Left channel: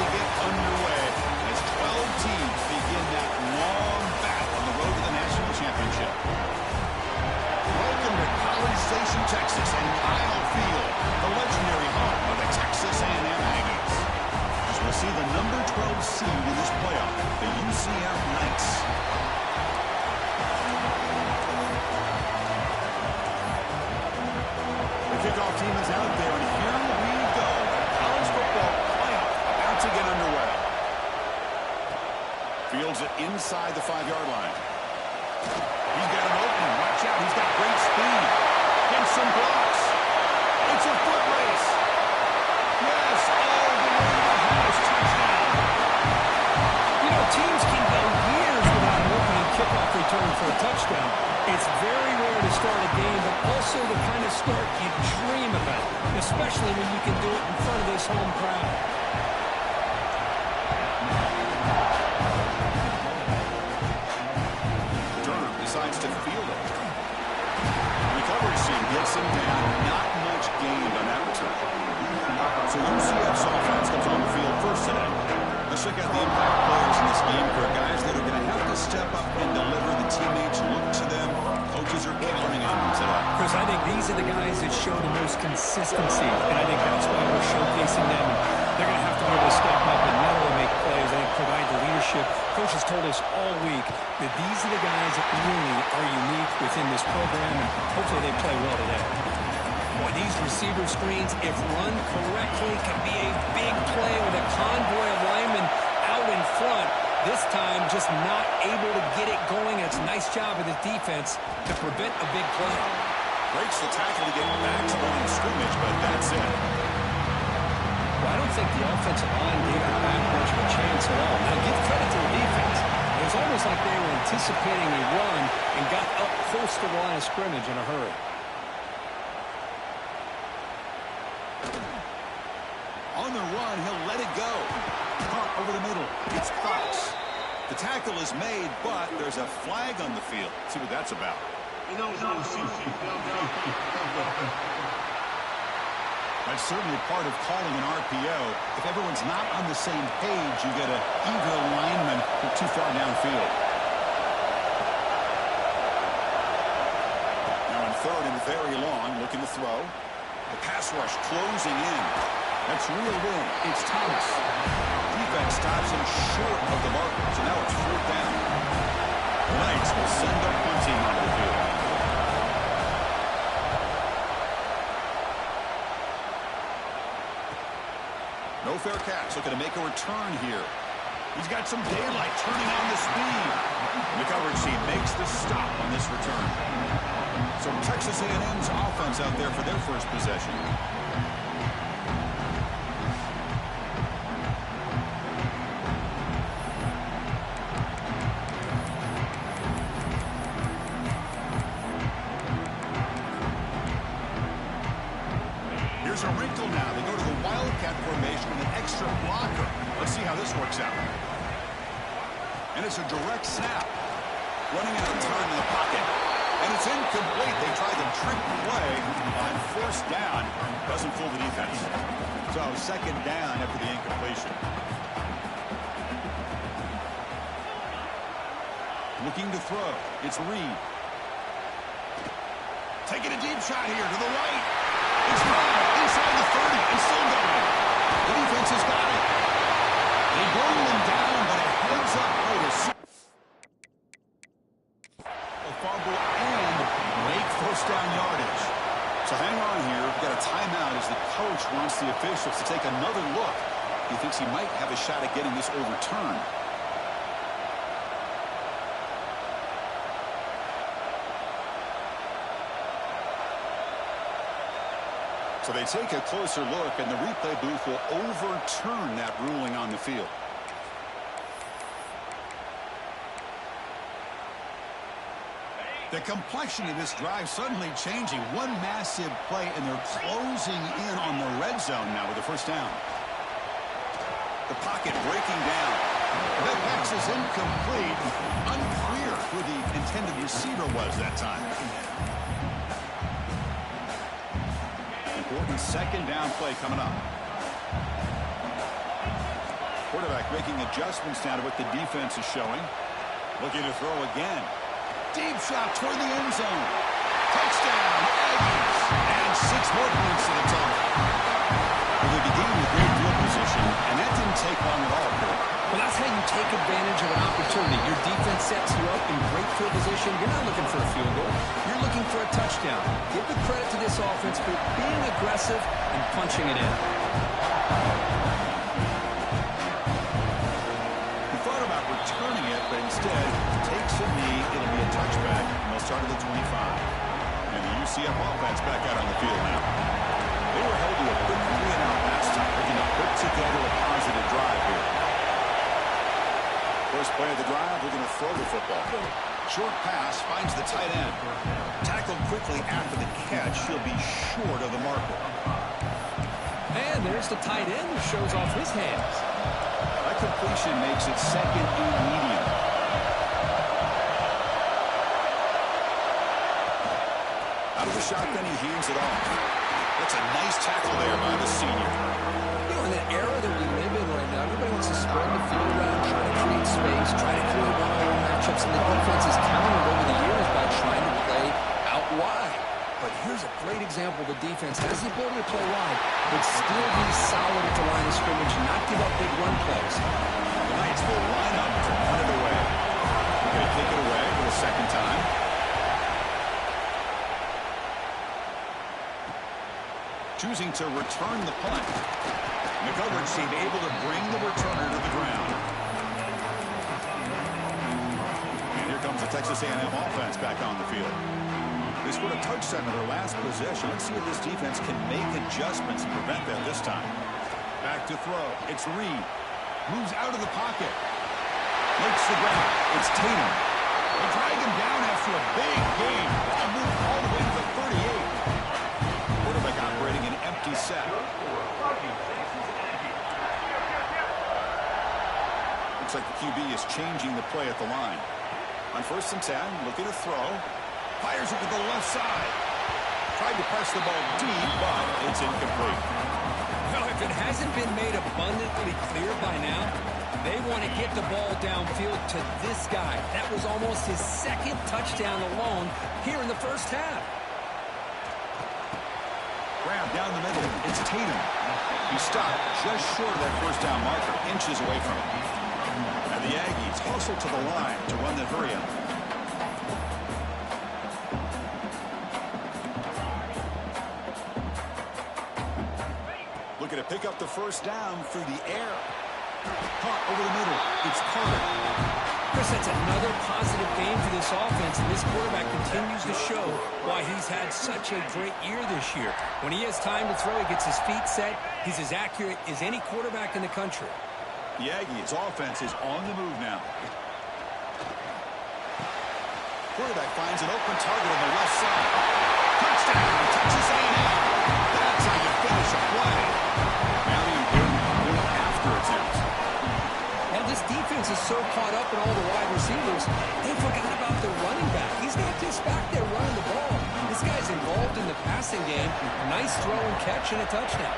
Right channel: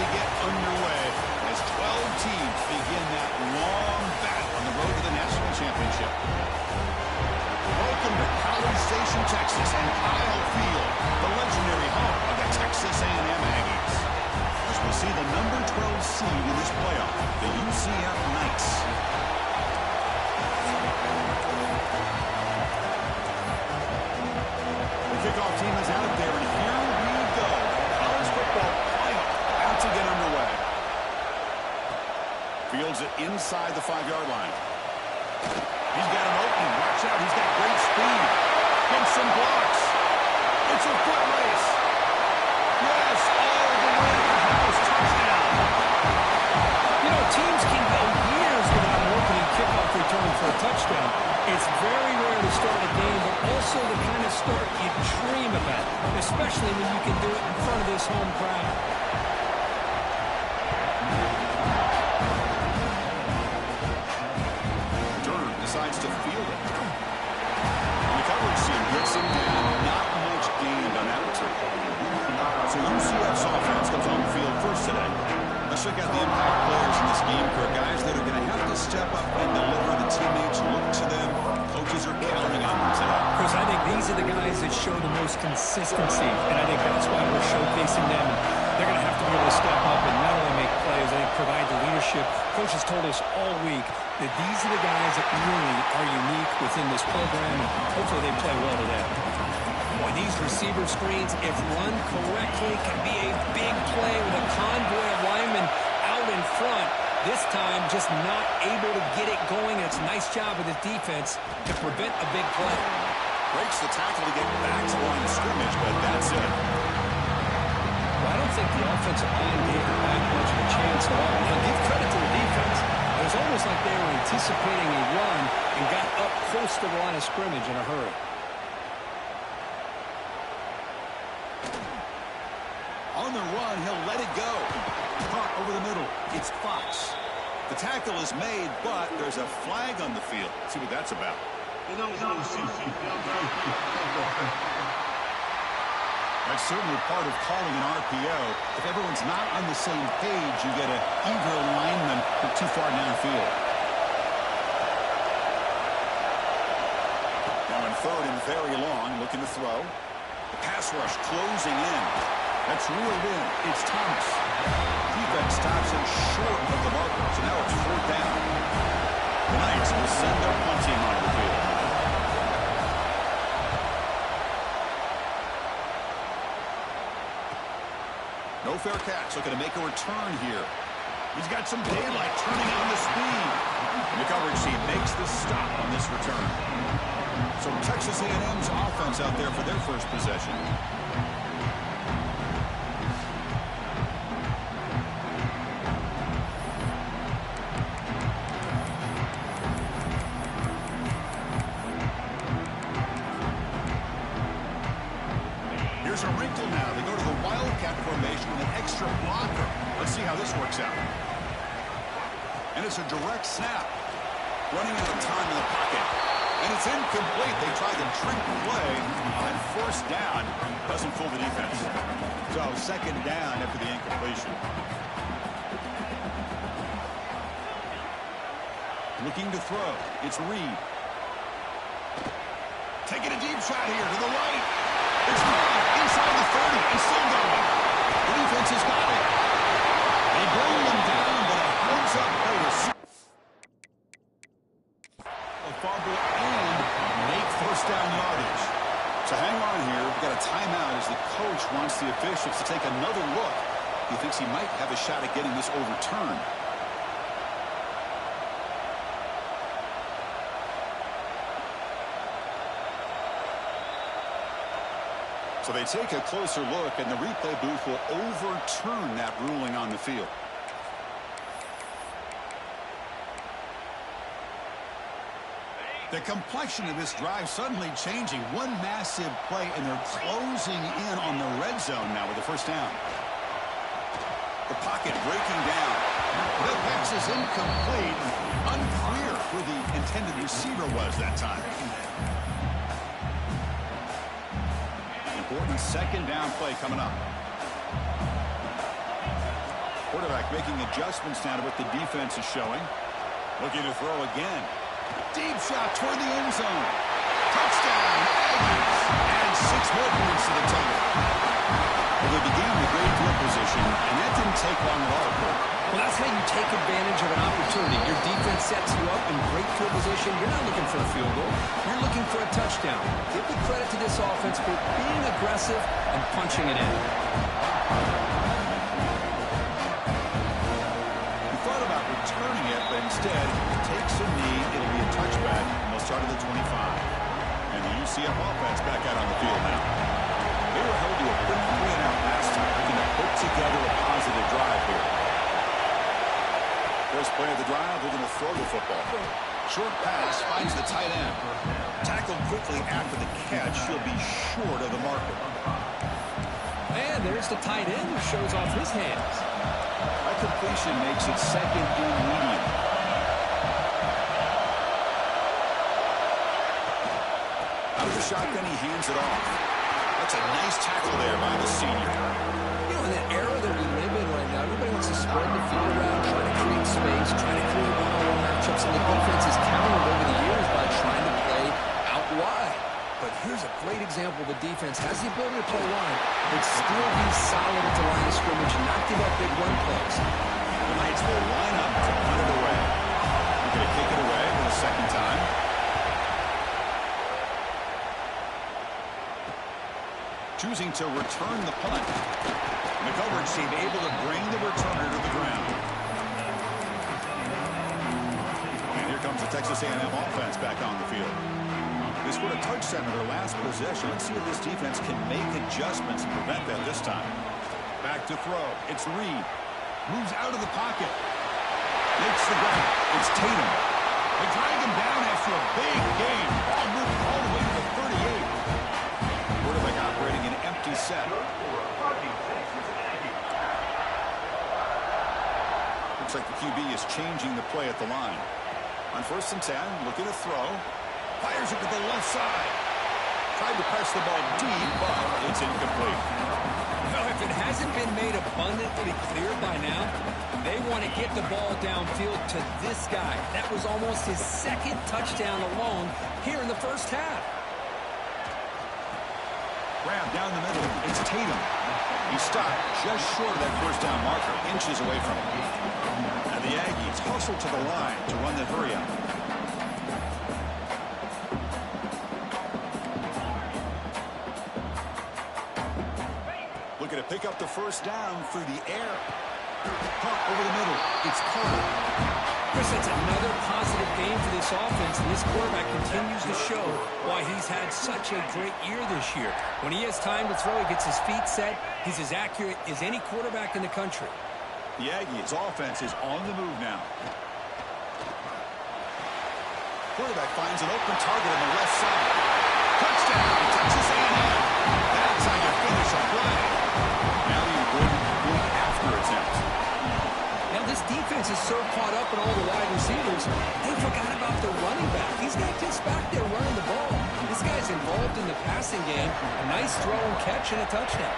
to get underway as 12 teams begin that long battle on the road to the national championship. Welcome to College Station, Texas, and Kyle Field, the legendary home of the Texas A&M Aggies. As we'll see the number 12 seed in this playoff, the UCF Knights. The kickoff team is out there, and here we go. College football playoff about to get underway. Fields it inside the 5-yard line. He's got an opening. Watch out. He's got great speed. Gets some blocks. It's a foot race. Yes, all the way to the house. Touchdown. You know, teams can go years without an opening kickoff return for a touchdown. It's very rare to start a game, but also the kind of start you dream about, especially when you can do it in front of this home crowd. Decides to field it. And the coverage team gets him down. Not much gained on that return. So UCF's offense comes on the field first today. Let's check out the impact players in this game, for guys that are going to have to step up and deliver. The teammates look to them. Coaches are counting on them today. Chris, I think these are the guys that show the most consistency, and I think that's why we're showcasing them. And they're going to have to be able to step up and not only make plays, I think provide the leadership. Coaches told us all week that these are the guys that really are unique within this program, and hopefully they play well today. Boy, these receiver screens, if run correctly, can be a big play with a convoy of linemen out in front. This time, just not able to get it going. And it's a nice job of the defense to prevent a big play. Breaks the tackle to get back to the line of scrimmage, but that's it. Well, I don't think the offensive line gave the back much of a chance at all. Now, give credit to the defense. It was almost like they were anticipating a run and got up close to the line of scrimmage in a hurry. On the run, he'll let it go. Caught over the middle. It's Fox. The tackle is made, but there's a flag on the field. Let's see what that's about. That's certainly part of calling an RPO. If everyone's not on the same page, you get an eager lineman too far downfield. Now in third and very long, looking to throw. The pass rush closing in. That's reeled in. It's Thomas. Defense stops him short of the marker, so now it's fourth down. The Knights will send their punt team onto the field. No fair catch. Looking to make a return here. He's got some daylight turning on the speed. And the coverage team makes the stop on this return. So Texas A&M's offense out there for their first possession. Here's a wrinkle now. They go to the Wildcat formation with an extra blocker. Let's see how this works out. And it's a direct snap. Running out of time in the pocket. And it's incomplete. They tried the trick play on first down. Doesn't fool the defense. So second down after the incompletion. Looking to throw. It's Reed. Taking a deep shot here to the right. It's gone inside the 30 and still going. The defense has got it. They bring them down, but a heads-up play to a fumble and make first down yardage. So hang on here. We've got a timeout as the coach wants the officials to take another look. He thinks he might have a shot at getting this overturned. So they take a closer look, and the replay booth will overturn that ruling on the field. The complexion of this drive suddenly changing. One massive play, and they're closing in on the red zone now with the first down. The pocket breaking down. The pass is incomplete. Unclear who the intended receiver was that time. Important second down play coming up. Quarterback making adjustments now to what the defense is showing. Looking to throw again. Deep shot toward the end zone. Touchdown, Aggies. And 6 more points to the total. Well, they began with great field position, and that didn't take long at all, Cole. Well, that's how you take advantage of an opportunity. Your defense sets you up in great field position. You're not looking for a field goal. You're looking for a touchdown. Give the credit to this offense for being aggressive and punching it in. He thought about returning it, but instead takes a knee. It'll be a touchback, and they'll start at the 25. And the UCF offense back out on the field now. They were held to a quick 3-and-out last time, looking to put together a positive drive here. First play of the drive, they're going to throw the football. Short pass finds the tight end. Tackled quickly after the catch. He'll be short of the marker. And there's the tight end who shows off his hands. That completion makes it second and medium. Out of the shotgun, he hands it off. That's a nice tackle there by the senior. You know, in that era that we live in right now, everybody wants to spread the field around, try to create space, try to create one-on-one matchups, and the defense has countered over the years by trying to play out wide. But here's a great example. The defense has the ability to play wide, but still be solid at the line of scrimmage and not give up big run plays. The Knights will line up to punt it away. They're going to kick it away for the second time. Choosing to return the punt. The coverage team able to bring the returner to the ground. And here comes the Texas A&M offense back on the field. They scored a touchdown in their last possession. Let's see if this defense can make adjustments and prevent that this time. Back to throw. It's Reed. Moves out of the pocket. Makes the grab. It's Tatum. They drag him down after a big gain. Ball moved all the way to the 38. Quarterback operating an empty set. Looks like the QB is changing the play at the line. On 1st and 10, looking to throw. Fires it to the left side. Tried to press the ball deep, but it's incomplete. Well, if it hasn't been made abundantly clear by now, they want to get the ball downfield to this guy. That was almost his 2nd touchdown alone here in the first half. Grab down the middle. It's Tatum. He stopped just short of that first down marker, inches away from him. And the Aggies hustle to the line to run the hurry up. Looking to pick up the first down through the air. Caught over the middle. It's Carter. Chris, that's another positive game for this offense, and this quarterback continues to show why he's had such a great year this year. When he has time to throw, he gets his feet set. He's as accurate as any quarterback in the country. The Aggies' offense is on the move now. Quarterback finds an open target on the left side. Touchdown, Texas A&M. That's how you finish a play. Now the important point after attempt. Now this defense is so caught up in all the wide receivers, they forgot about the running back. He's not just back there running the ball. This guy's involved in the passing game. A nice throw and catch and a touchdown.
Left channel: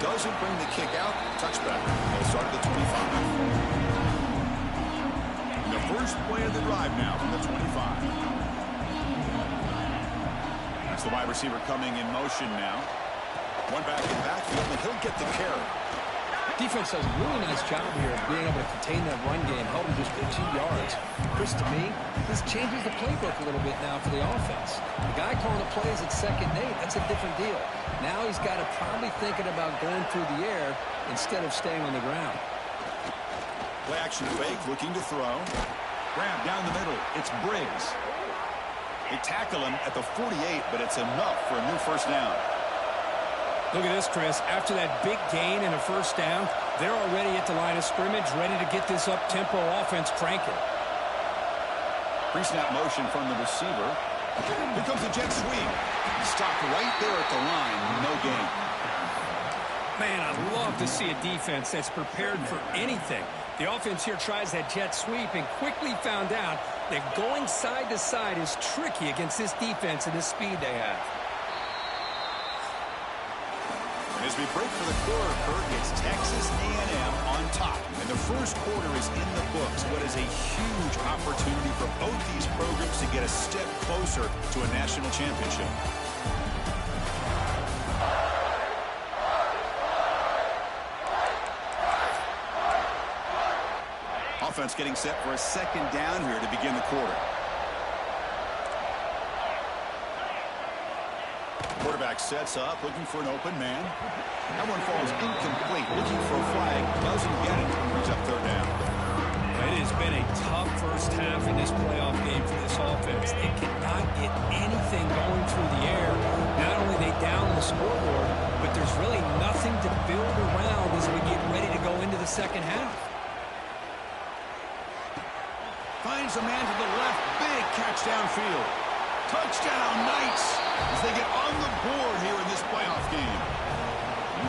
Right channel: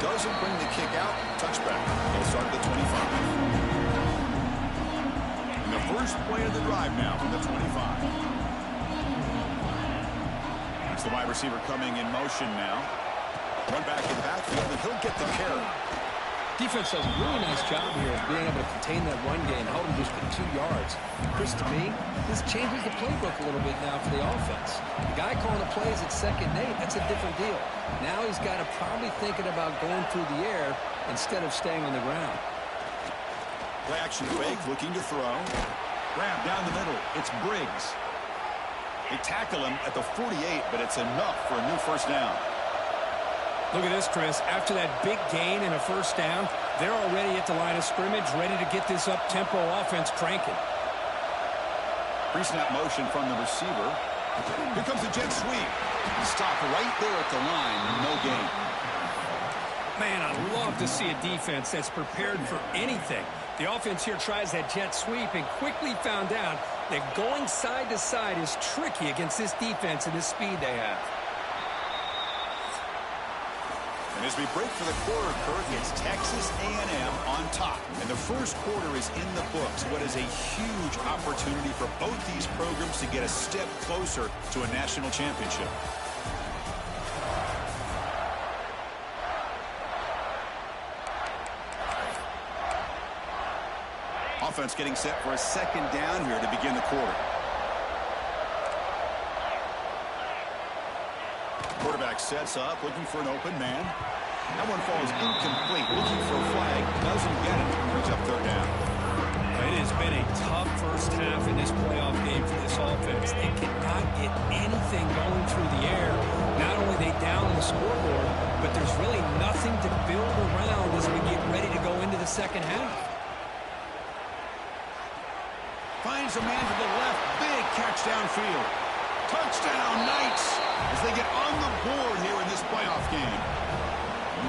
Doesn't bring the kick out. Touchback. They'll start at the 25. And the first play of the drive now from the 25. That's the wide receiver coming in motion now. One back in the backfield, and he'll get the carry. Defense does a really nice job here of being able to contain that run game, held him just to 2 yards. Chris, to me, this changes the playbook a little bit now for the offense. The guy calling the plays at 2nd and 8, that's a different deal. Now he's got to probably thinking about going through the air instead of staying on the ground. Play action fake, looking to throw. Grab down the middle. It's Briggs. They tackle him at the 48, but it's enough for a new first down. Look at this, Chris. After that big gain and a first down, they're already at the line of scrimmage, ready to get this up-tempo offense cranking. Pre-snap motion from the receiver. Here comes the jet sweep. Stopped right there at the line. No gain. Man, I love to see a defense that's prepared for anything. The offense here tries that jet sweep and quickly found out that going side to side is tricky against this defense and the speed they have. And as we break for the quarter, Kurt, it's Texas A&M on top. And the first quarter is in the books. What is a huge opportunity for both these programs to get a step closer to a national championship. Offense getting set for a second down here to begin the quarter. Quarterback sets up, looking for an open man. That one falls incomplete, looking for a flag, doesn't get it, brings up third down. It has been a tough first half in this playoff game for this offense. They cannot get anything going through the air. Not only are they down the scoreboard, but there's really nothing to build around as we get ready to go into the second half. Finds a man to the left, big catch downfield. Touchdown, Knights, as they get on the board here in this playoff game.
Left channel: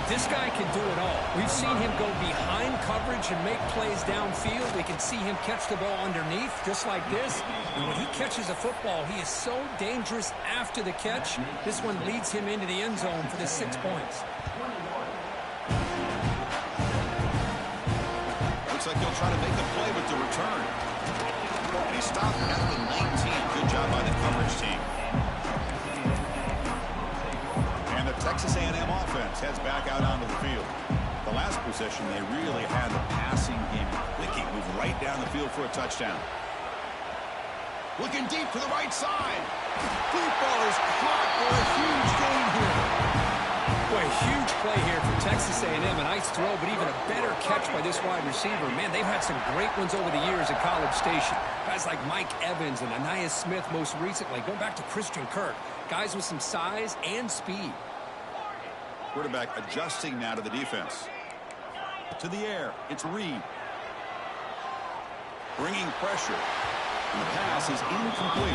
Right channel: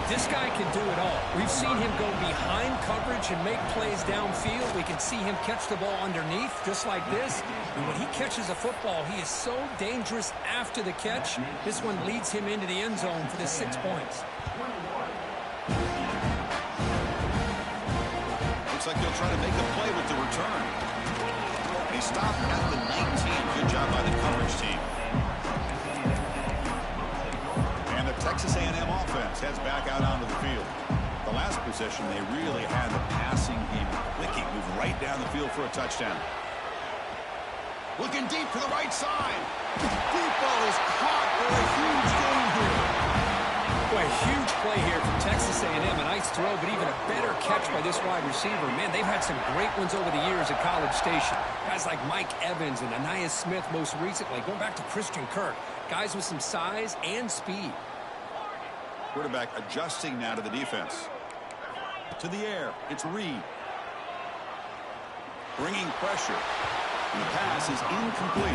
This guy can do it all. We've seen him go behind coverage and make plays downfield. We can see him catch the ball underneath, just like this. And when he catches a football, he is so dangerous after the catch. This one leads him into the end zone for the 6 points. Looks like he'll try to make a play with the return. And he stopped at the 19. Good job by the coverage team. And the Texas A&M offense heads back out onto the field. The last possession, they really had the passing game clicking. Moved right down the field for a touchdown. Looking deep to the right side. Deep ball is caught for a huge gain here. Boy, a huge play here from Texas A&M. A nice throw, but even a better catch by this wide receiver. Man, they've had some great ones over the years at College Station. Guys like Mike Evans and Anais Smith most recently. Going back to Christian Kirk. Guys with some size and speed. Quarterback adjusting now to the defense. To the air, it's Reed. Bringing pressure. And the pass is incomplete.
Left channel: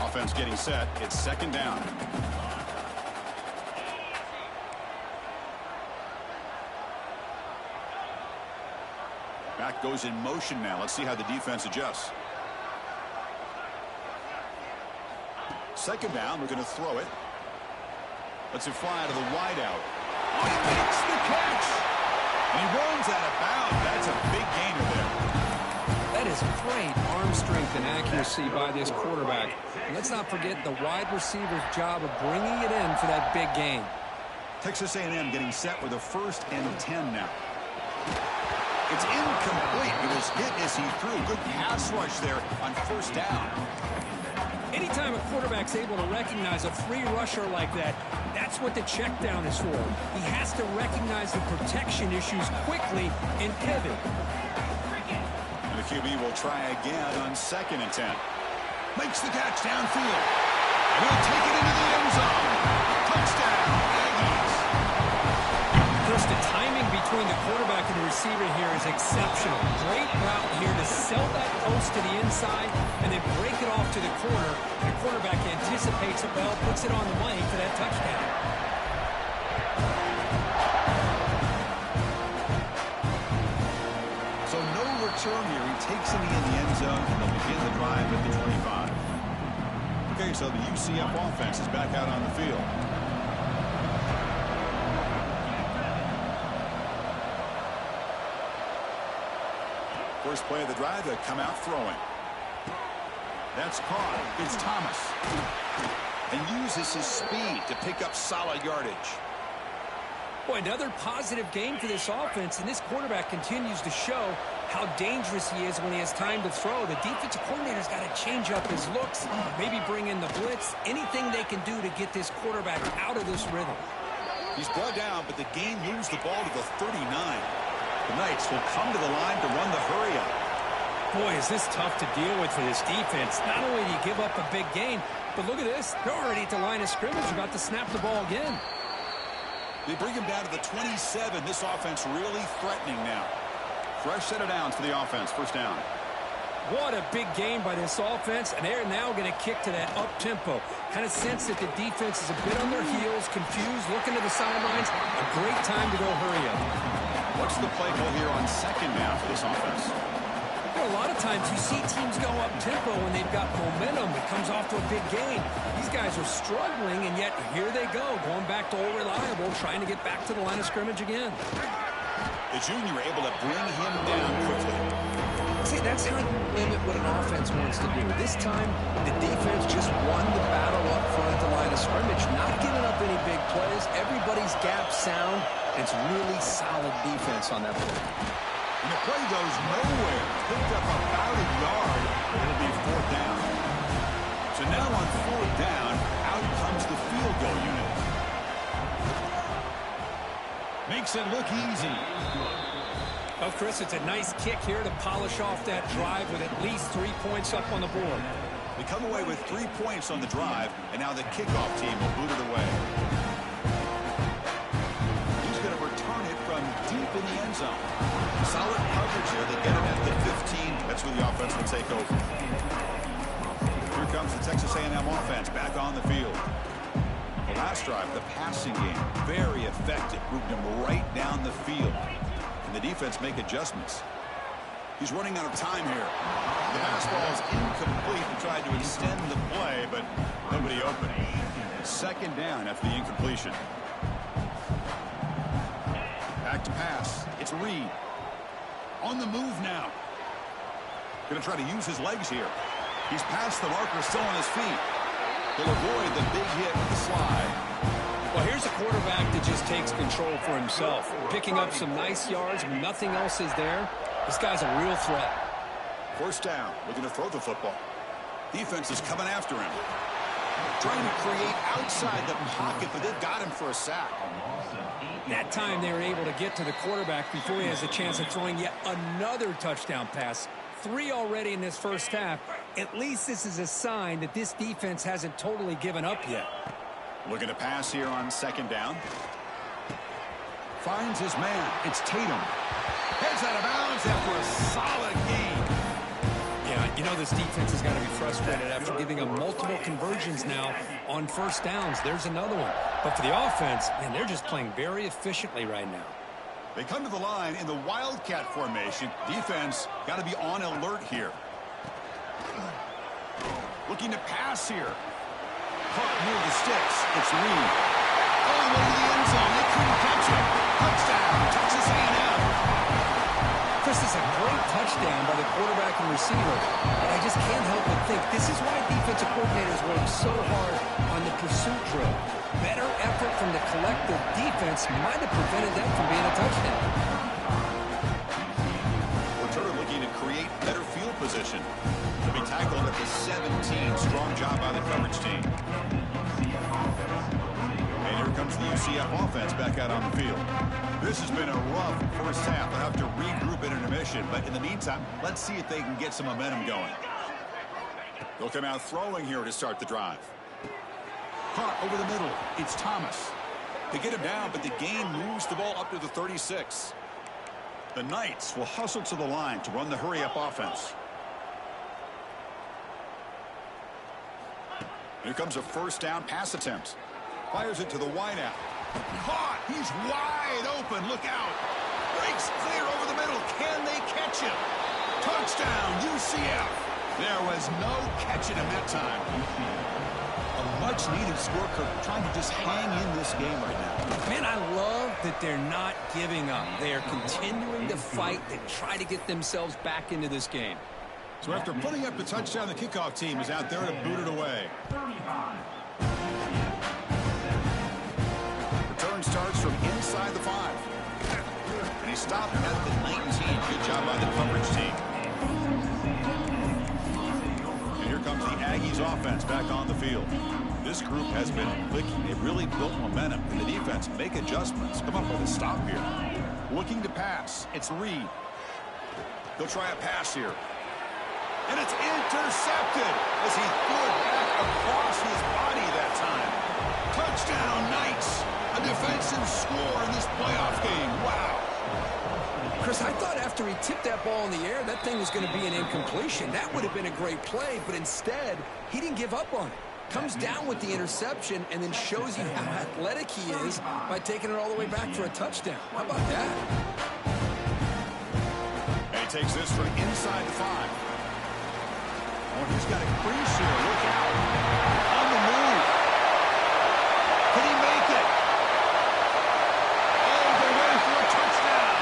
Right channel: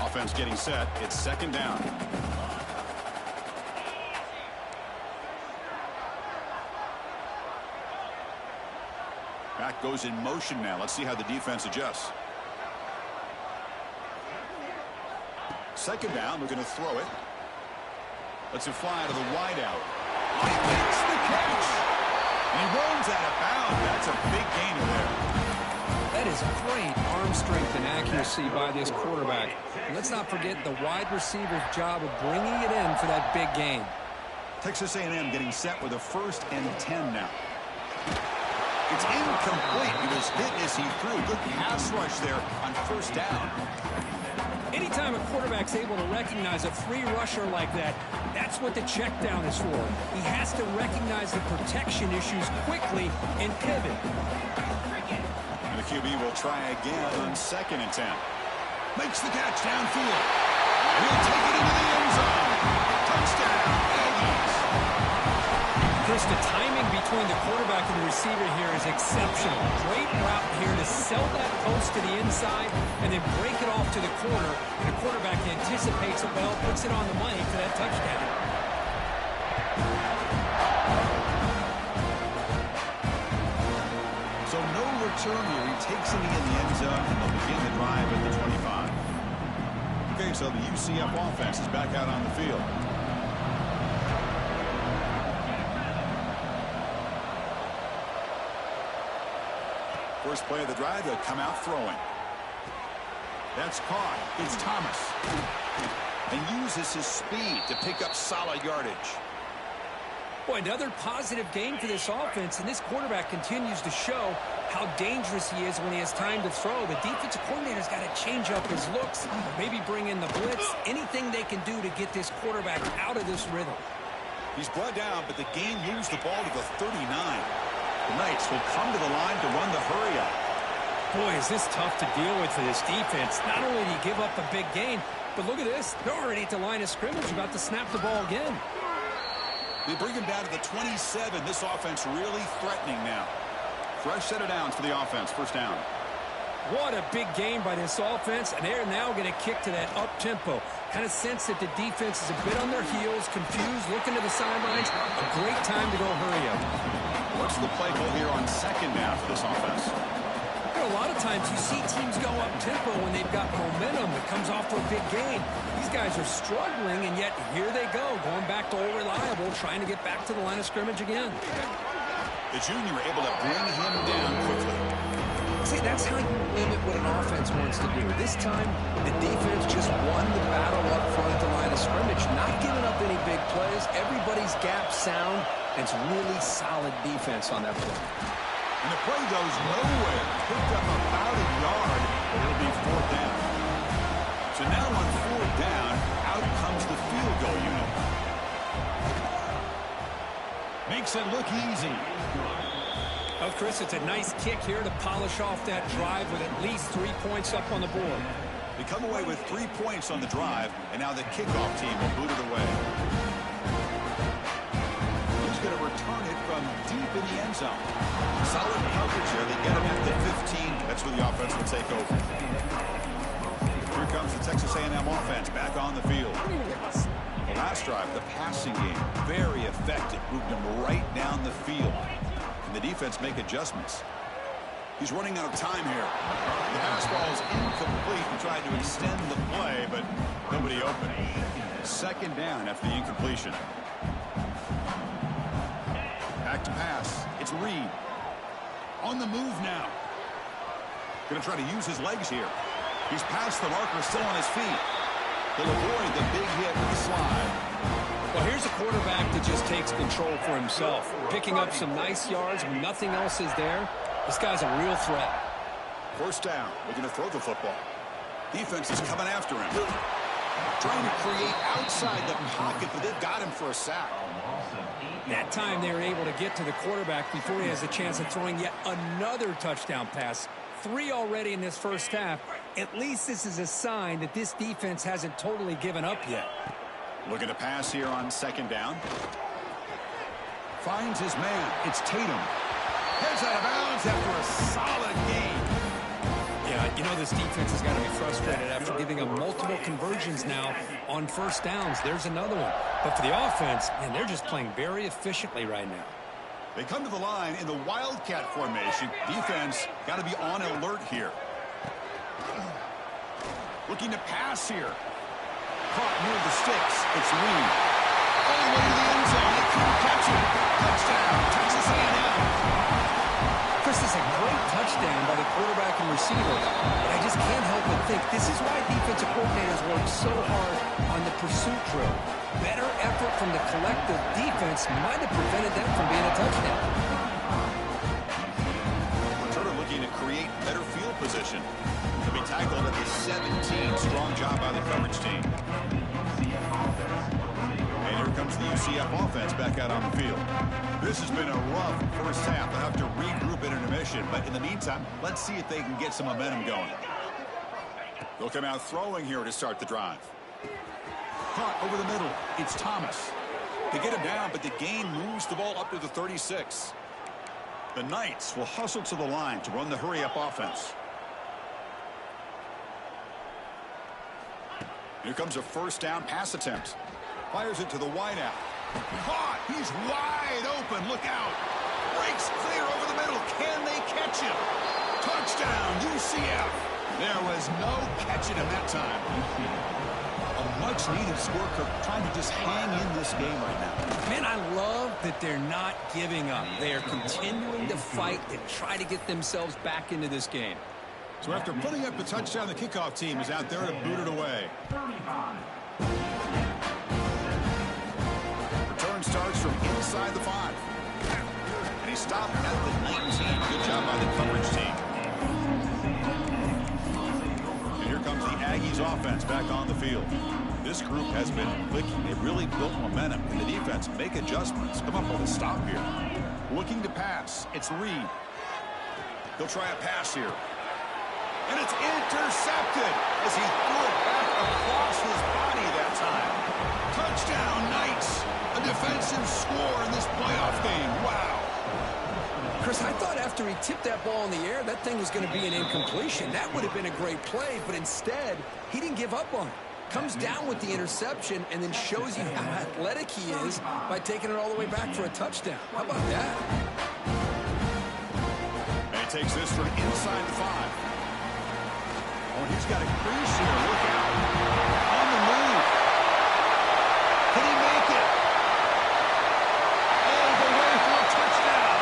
Offense getting set. It's second down. Back goes in motion now. Let's see how the defense adjusts. Second down. We're going to throw it. Lets it fly to the wideout. Oh, he makes the catch. And he runs out of bounds. That's a big gainer there. That is great arm strength and accuracy by this quarterback. And let's not forget the wide receiver's job of bringing it in for that big gain. Texas A&M getting set with a 1st and 10 now. It's incomplete. He was hit as he threw. Good pass rush there on first down. Anytime a quarterback's able to recognize a free rusher like that, that's what the check down is for. He has to recognize the protection issues quickly and pivot. And the QB will try again on 2nd and 10. Makes the catch downfield. And he'll take it into the end zone. Touchdown, Aggies. Chris, the timing between the quarterback and the receiver here is exceptional. Great route here to sell that post to the inside and then break it off to the corner. And the quarterback anticipates it well, puts it on the money for that touchdown. So no return here. He takes it in the end zone, and they'll begin the drive at the 25. Okay, so the UCF offense is back out on the field. First play of the drive, they'll come out throwing. That's caught. It's Thomas. And uses his speed to pick up solid yardage. Boy, another positive game for this offense, and this quarterback continues to show how dangerous he is when he has time to throw. The defensive coordinator's got to change up his looks, maybe bring in the blitz, anything they can do to get this quarterback out of this rhythm. He's brought down, but the game moves the ball to the 39. The Knights will come to the line to run the hurry up. Boy, is this tough to deal with for this defense. Not only do you give up a big gain, but look at this. They're already at the line of scrimmage, about to snap the ball again. They bring him down to the 27. This offense really threatening now. Fresh set of downs for the offense. First down. What a big game by this offense, and they're now going to kick to that up-tempo. Kind of sense that the defense is a bit on their heels, confused, looking to the sidelines. A great time to go hurry up. What's the play call here on second down for this offense? You know, a lot of times you see teams go up-tempo when they've got momentum. It comes off to a big gain. These guys are struggling, and yet here they go, going back to old reliable, trying to get back to the line of scrimmage again. The junior able to bring him down quickly. See, that's how you limit what an offense wants to do. This time, the defense just won the battle up front at the line of scrimmage, not giving up any big plays. Everybody's gap sound, and it's really solid defense on that play. And the play goes nowhere. Picked up about a yard. It'll be fourth down. So now on fourth down, out comes the field goal unit. Makes it look easy. Well, Chris, it's a nice kick here to polish off that drive with at least 3 points up on the board. They come away with 3 points on the drive, and now the kickoff team will boot it away. He's going to return it from deep in the end zone. Solid coverage here. They get him at the 15. That's where the offense will take over. Here comes the Texas A&M offense back on the field. The last drive, the passing game, very effective. Moved him right down the field. And the defense make adjustments. He's running out of time here. The pass ball is incomplete. He tried to extend the play, but nobody open. Second down after the incompletion. Back to pass. It's Reed. On the move now. Going to try to use his legs here. He's past the marker, still on his feet. He'll avoid the big hit with the slide. Well, here's a quarterback that just takes control for himself. Picking up some nice yards when nothing else is there. This guy's a real threat. First down. Looking to throw the football. Defense is coming after him. Trying to create outside the pocket, but they've got him for a sack. That time they were able to get to the quarterback before he has a chance of throwing yet another touchdown pass. 3 already in this first half. At least this is a sign that this defense hasn't totally given up yet. Looking to pass here on second down. Finds his man. It's Tatum. Heads out of bounds after a solid game. Yeah, you know this defense has got to be frustrated after giving them multiple conversions now on first downs. There's another one. But for the offense, man, they're just playing very efficiently right now. They come to the line in the Wildcat formation. Defense got to be on alert here. Looking to pass here. Caught near the sticks. It's Reed. All the way to the end zone. They couldn't catch him. Touchdown, Texas A&M. Chris, this is a great touchdown by the quarterback and receiver. But I just can't help but think this is why defensive coordinators work so hard on the pursuit drill. Better effort from the collective defense might have prevented that from being a touchdown. Returner looking to create better field position. To be tackled at the 17. Strong job by the coverage team. And here comes the UCF offense back out on the field. This has been a rough first half. They'll have to regroup at intermission. But in the meantime, let's see if they can get some momentum going. They'll come out throwing here to start the drive. Caught over the middle. It's Thomas. They get him down, but the gain moves the ball up to the 36. The Knights will hustle to the line to run the hurry-up offense. Here comes a first down pass attempt. Fires it to the wideout. Caught. He's wide open. Look out. Breaks clear over the middle. Can they catch him? Touchdown, UCF. There was no catching him that time. A much-needed score, Kirk, trying to just hang in this game right now. Man, I love that they're not giving up. They are continuing to fight and try to get themselves back into this game. So after putting up the touchdown, the kickoff team is out there to boot it away. Return starts from inside the 5. And he stopped at the 19. Good job by the coverage team. And here comes the Aggies offense back on the field. This group has been clicking. They've really built momentum. And the defense make adjustments. Come up with a stop here. Looking to pass. It's Reed. He'll try a pass here. And it's intercepted as he threw it back across his body that time. Touchdown, Knights. A defensive score in this playoff game. Wow. Chris, I thought after he tipped that ball in the air, that thing was going to be an incompletion. That would have been a great play, but instead, he didn't give up on it. Comes down with the interception and then shows you how athletic he is by taking it all the way back for a touchdown. How about that? he takes this from inside the 5. Oh, he's got a crease here. Look out. On the move. Can he make it? All the way for a touchdown.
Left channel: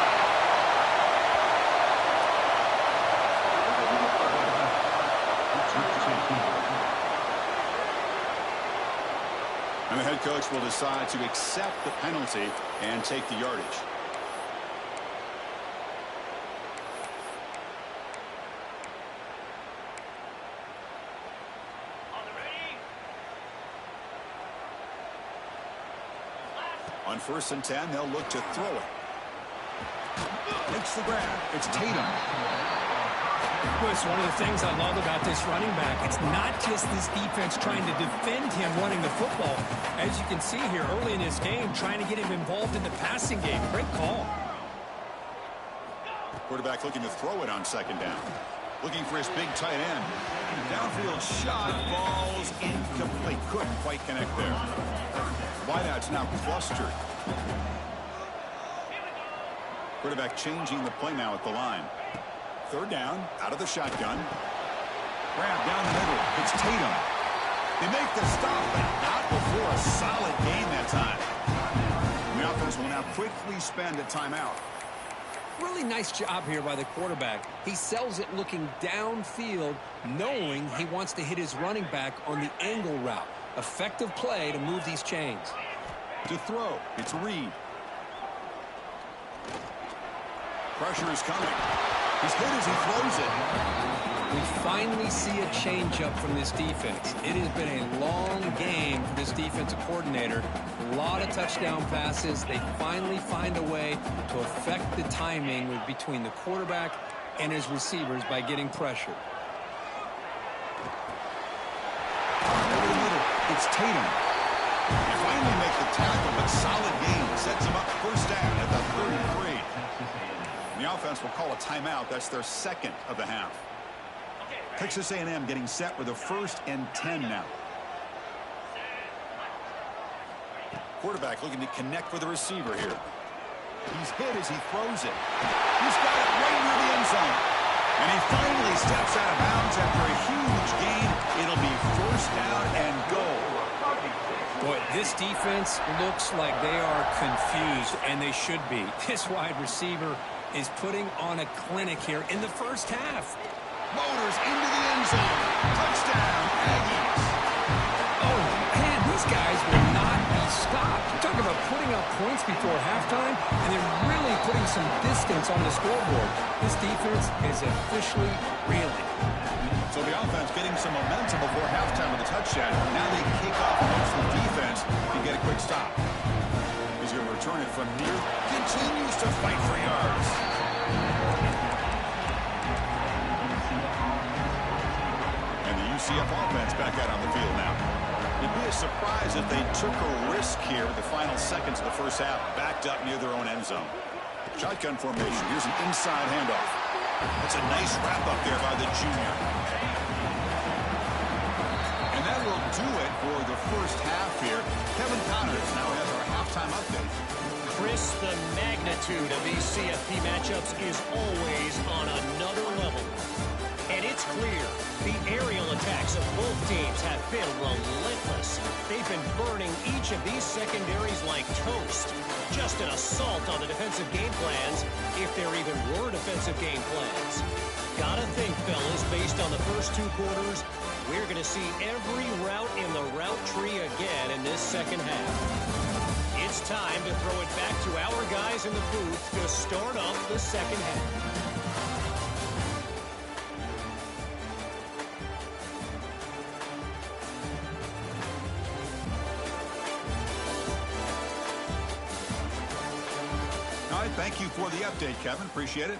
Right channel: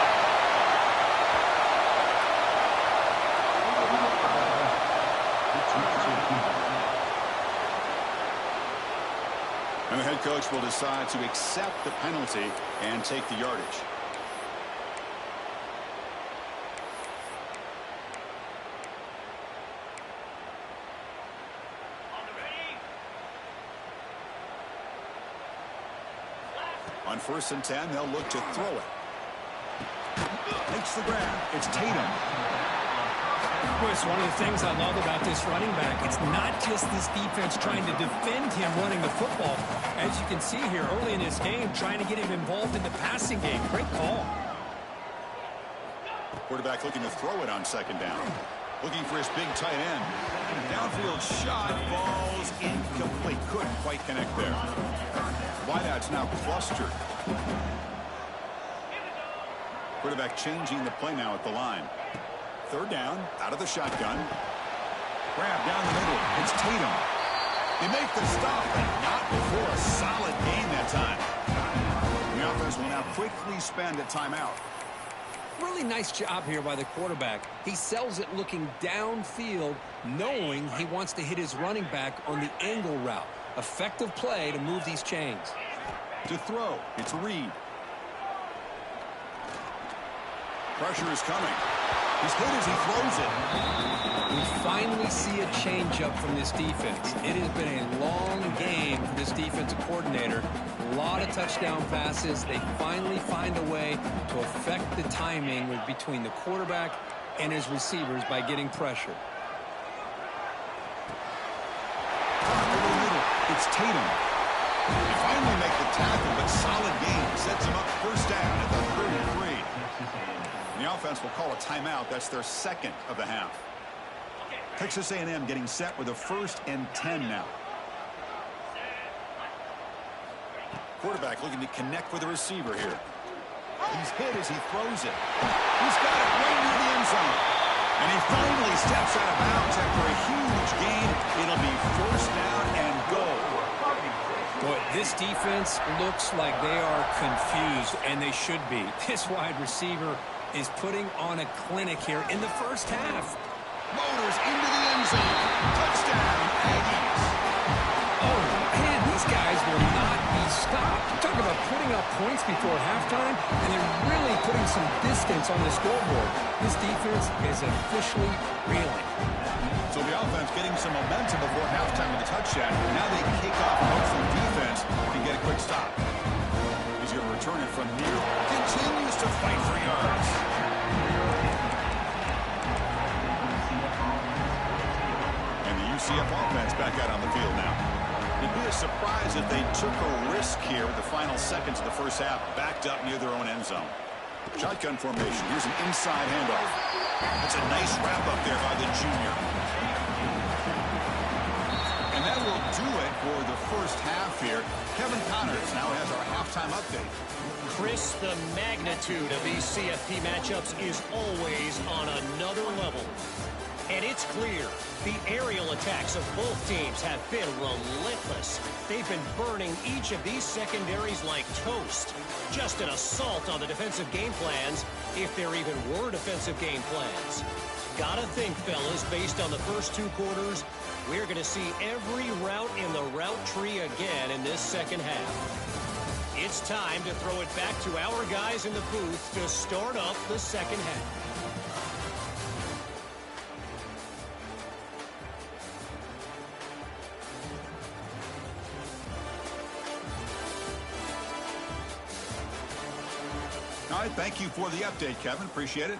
And the head coach will decide to accept the penalty and take the yardage. On 1st and 10, they'll look to throw it. Makes the grab. It's Tatum. Chris, one of the things I love about this running back, it's not just this defense trying to defend him running the football. As you can see here early in this game, trying to get him involved in the passing game. Great call. Quarterback looking to throw it on 2nd down. Looking for his big tight end. Downfield shot falls incomplete. Couldn't quite connect there. Wideout's now clustered. Quarterback changing the play now at the line. 3rd down, out of the shotgun. Grab down the middle. It's Tatum. They make the stop, but not before a solid gain that time. The offense will now quickly spend a timeout. Really nice job here by the quarterback. He sells it looking downfield, knowing he wants to hit his running back on the angle route. Effective play to move these chains. To throw, it's Reed. Pressure is coming. He's hit as he throws it. We finally see a changeup from this defense. It has been a long game for this defensive coordinator. A lot of touchdown passes. They finally find a way to affect the timing between the quarterback and his receivers by getting pressure. Over the middle, it's Tatum. They finally make the tackle, but solid gain sets him up 1st down at the 33. The offense will call a timeout. That's their 2nd of the half. Texas A&M getting set with a 1st and 10 now. Quarterback looking to connect with the receiver here. He's hit as he throws it. He's got it right near the end zone. And he finally steps out of bounds after a huge gain. It'll be 1st down and goal. Boy, this defense looks like they are confused, and they should be. This wide receiver is putting on a clinic here in the 1st half. Motors into the end zone. Touchdown, Aggies. Oh, man, these guys will not be stopped. You talk about putting up points before halftime, and they're really putting some distance on the scoreboard. This defense is officially reeling. So the offense getting some momentum before halftime with a touchdown. Now they kick off hopes the defense can get a quick stop. He's going to return it from near. Continues to fight for yards. And the UCF offense back out on the field now. It'd be a surprise if they took a risk here with the final seconds of the 1st half, backed up near their own end zone. Shotgun formation. Here's an inside handoff. That's a nice wrap up there by the junior. And that will do it for the 1st half here. Kevin Connors now has our halftime update. Chris, the magnitude of these CFP matchups is always on another level. And it's clear the aerial attacks of both teams have been relentless. They've been burning each of these secondaries like toast. Just an assault on the defensive game plans, if there even were defensive game plans. Gotta think, fellas, based on the first 2 quarters, we're going to see every route in the route tree again in this 2nd half. It's time to throw it back to our guys in the booth to start up the 2nd half. All right, thank you for the update, Kevin. Appreciate it.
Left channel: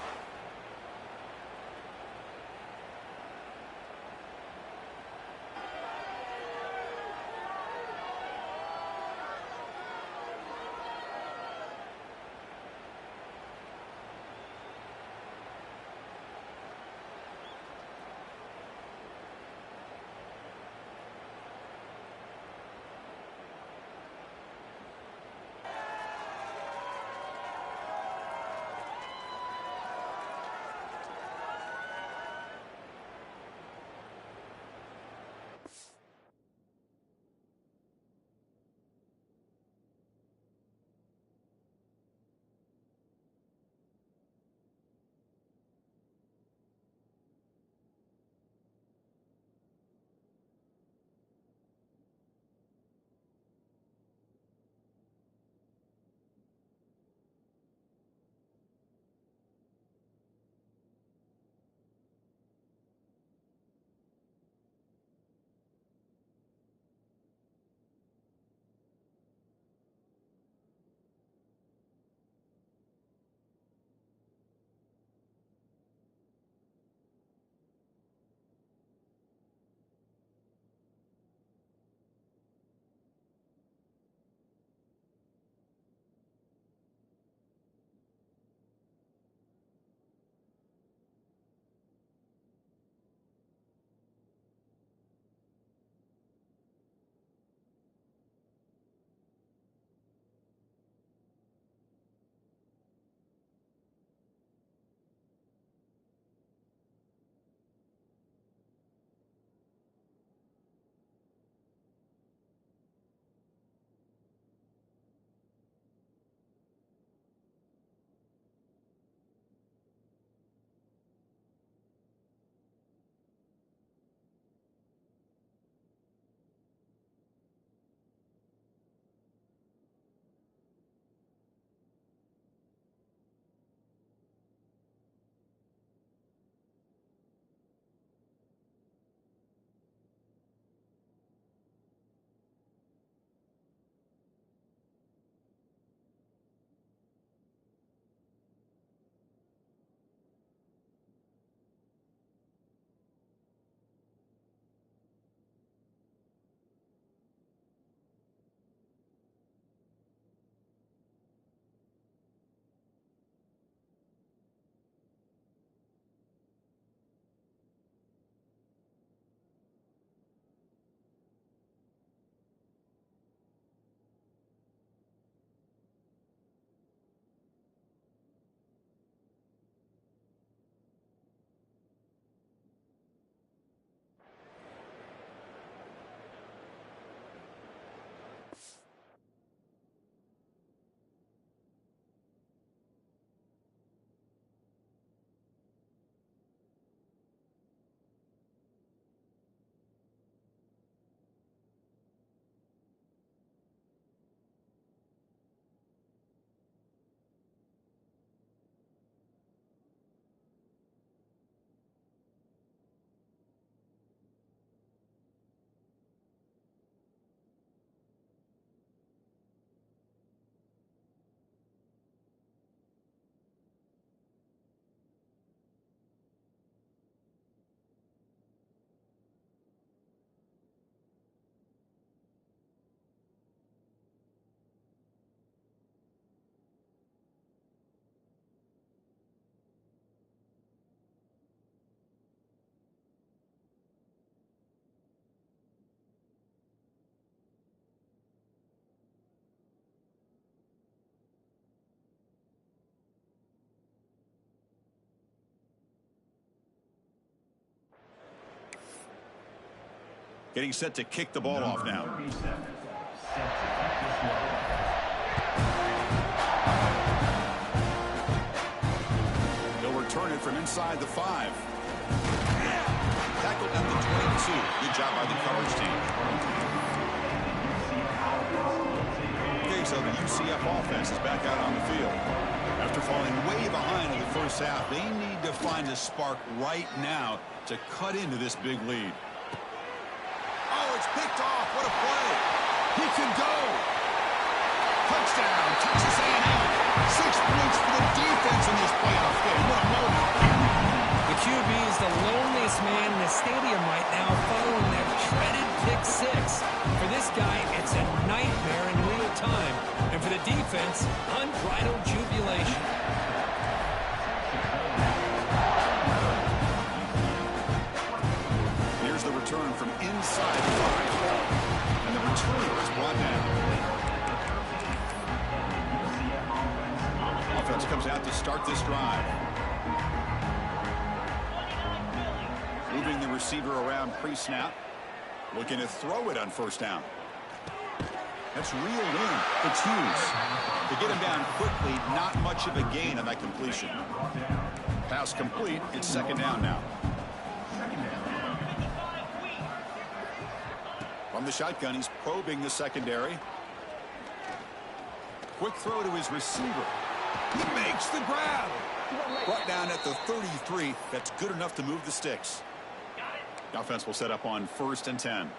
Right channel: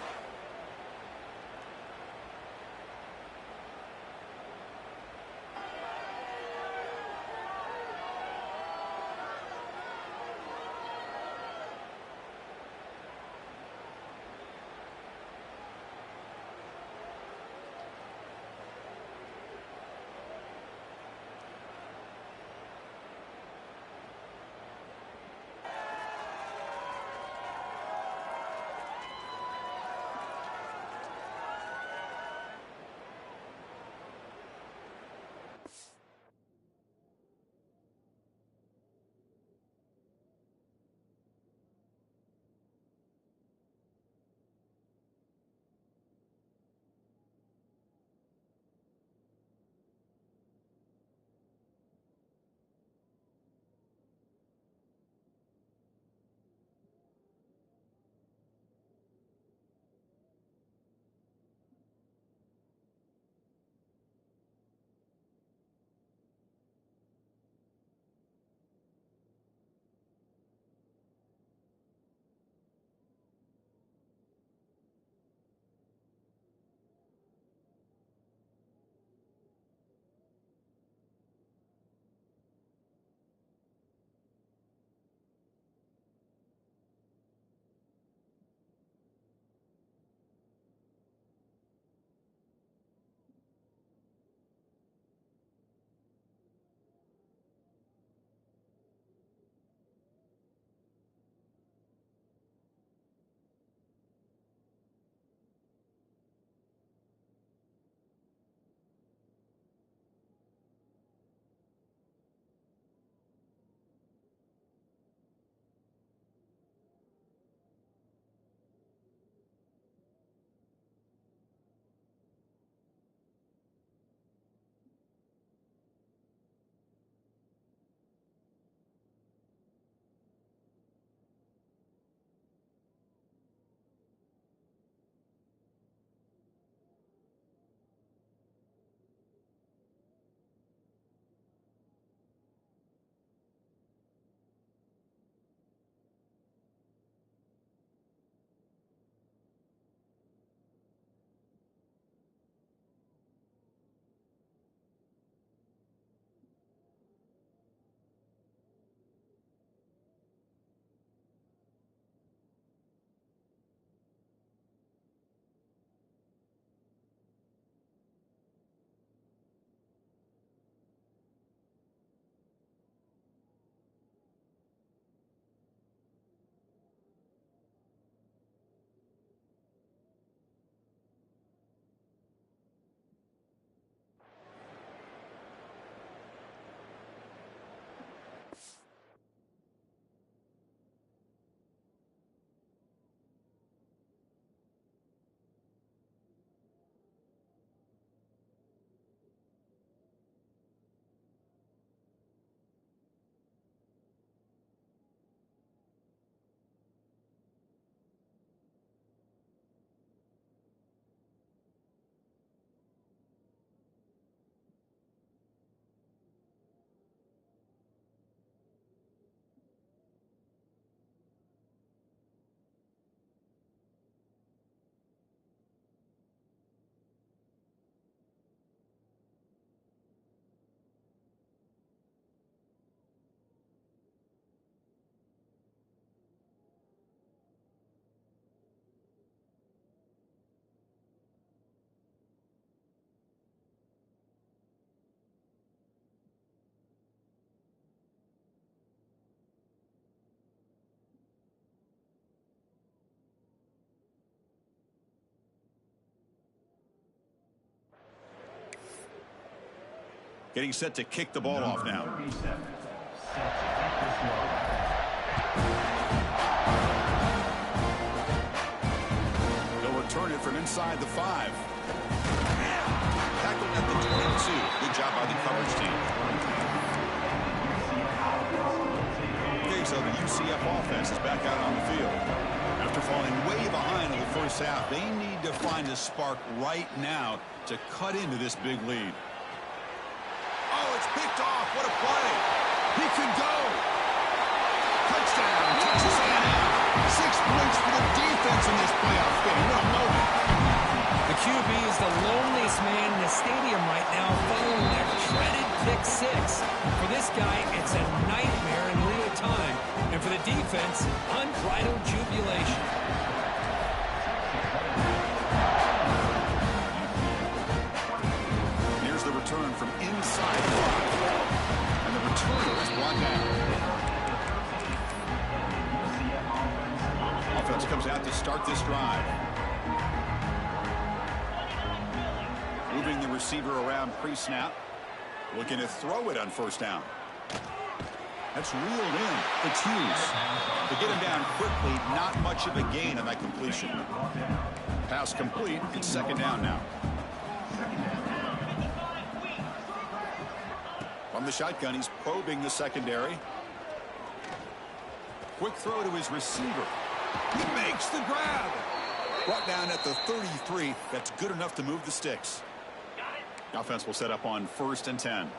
Getting set to kick the ball off now. They'll return it from inside the 5. Tackled at the 22. Good job by the coverage team. Okay, so the UCF offense is back out on the field. After falling way behind in the first half, they need to find a spark right now to cut into this big lead. Oh, it's picked off. What a play. He could go. Touchdown, Texas A&M. 6 points for the defense in this playoff game. What a moment. The QB is the loneliest man in the stadium right now following that dreaded pick 6. For this guy, it's a nightmare in real time. And for the defense, unbridled jubilation. Here's the return from inside the 5. And the returner is brought down. Offense comes out to start this drive. Moving the receiver around pre-snap. Looking to throw it on first down. That's reeled in. It's Hughes. To get him down quickly, not much of a gain on that completion. Pass complete. It's second down now. From the shotgun, he's probing the secondary. Quick throw to his receiver. He makes the grab. Brought down at the 33. That's good enough to move the sticks. The offense will set up on 1st and 10.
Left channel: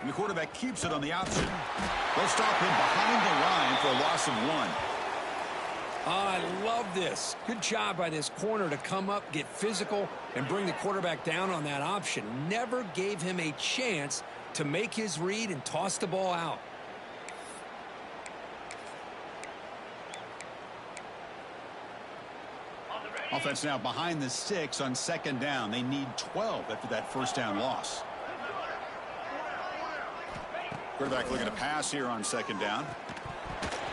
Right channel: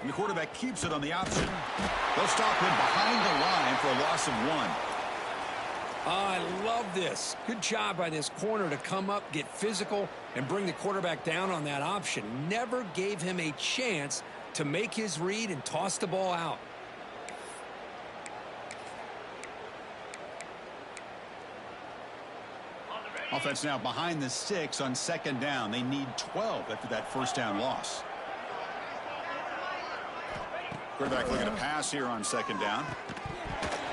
And the quarterback keeps it on the option. They'll stop him behind the line for a loss of 1. I love this. Good job by this corner to come up, get physical, and bring the quarterback down on that option. Never gave him a chance to make his read and toss the ball out. Offense now behind the 6 on second down. They need 12 after that first down loss. Quarterback looking to pass here on second down.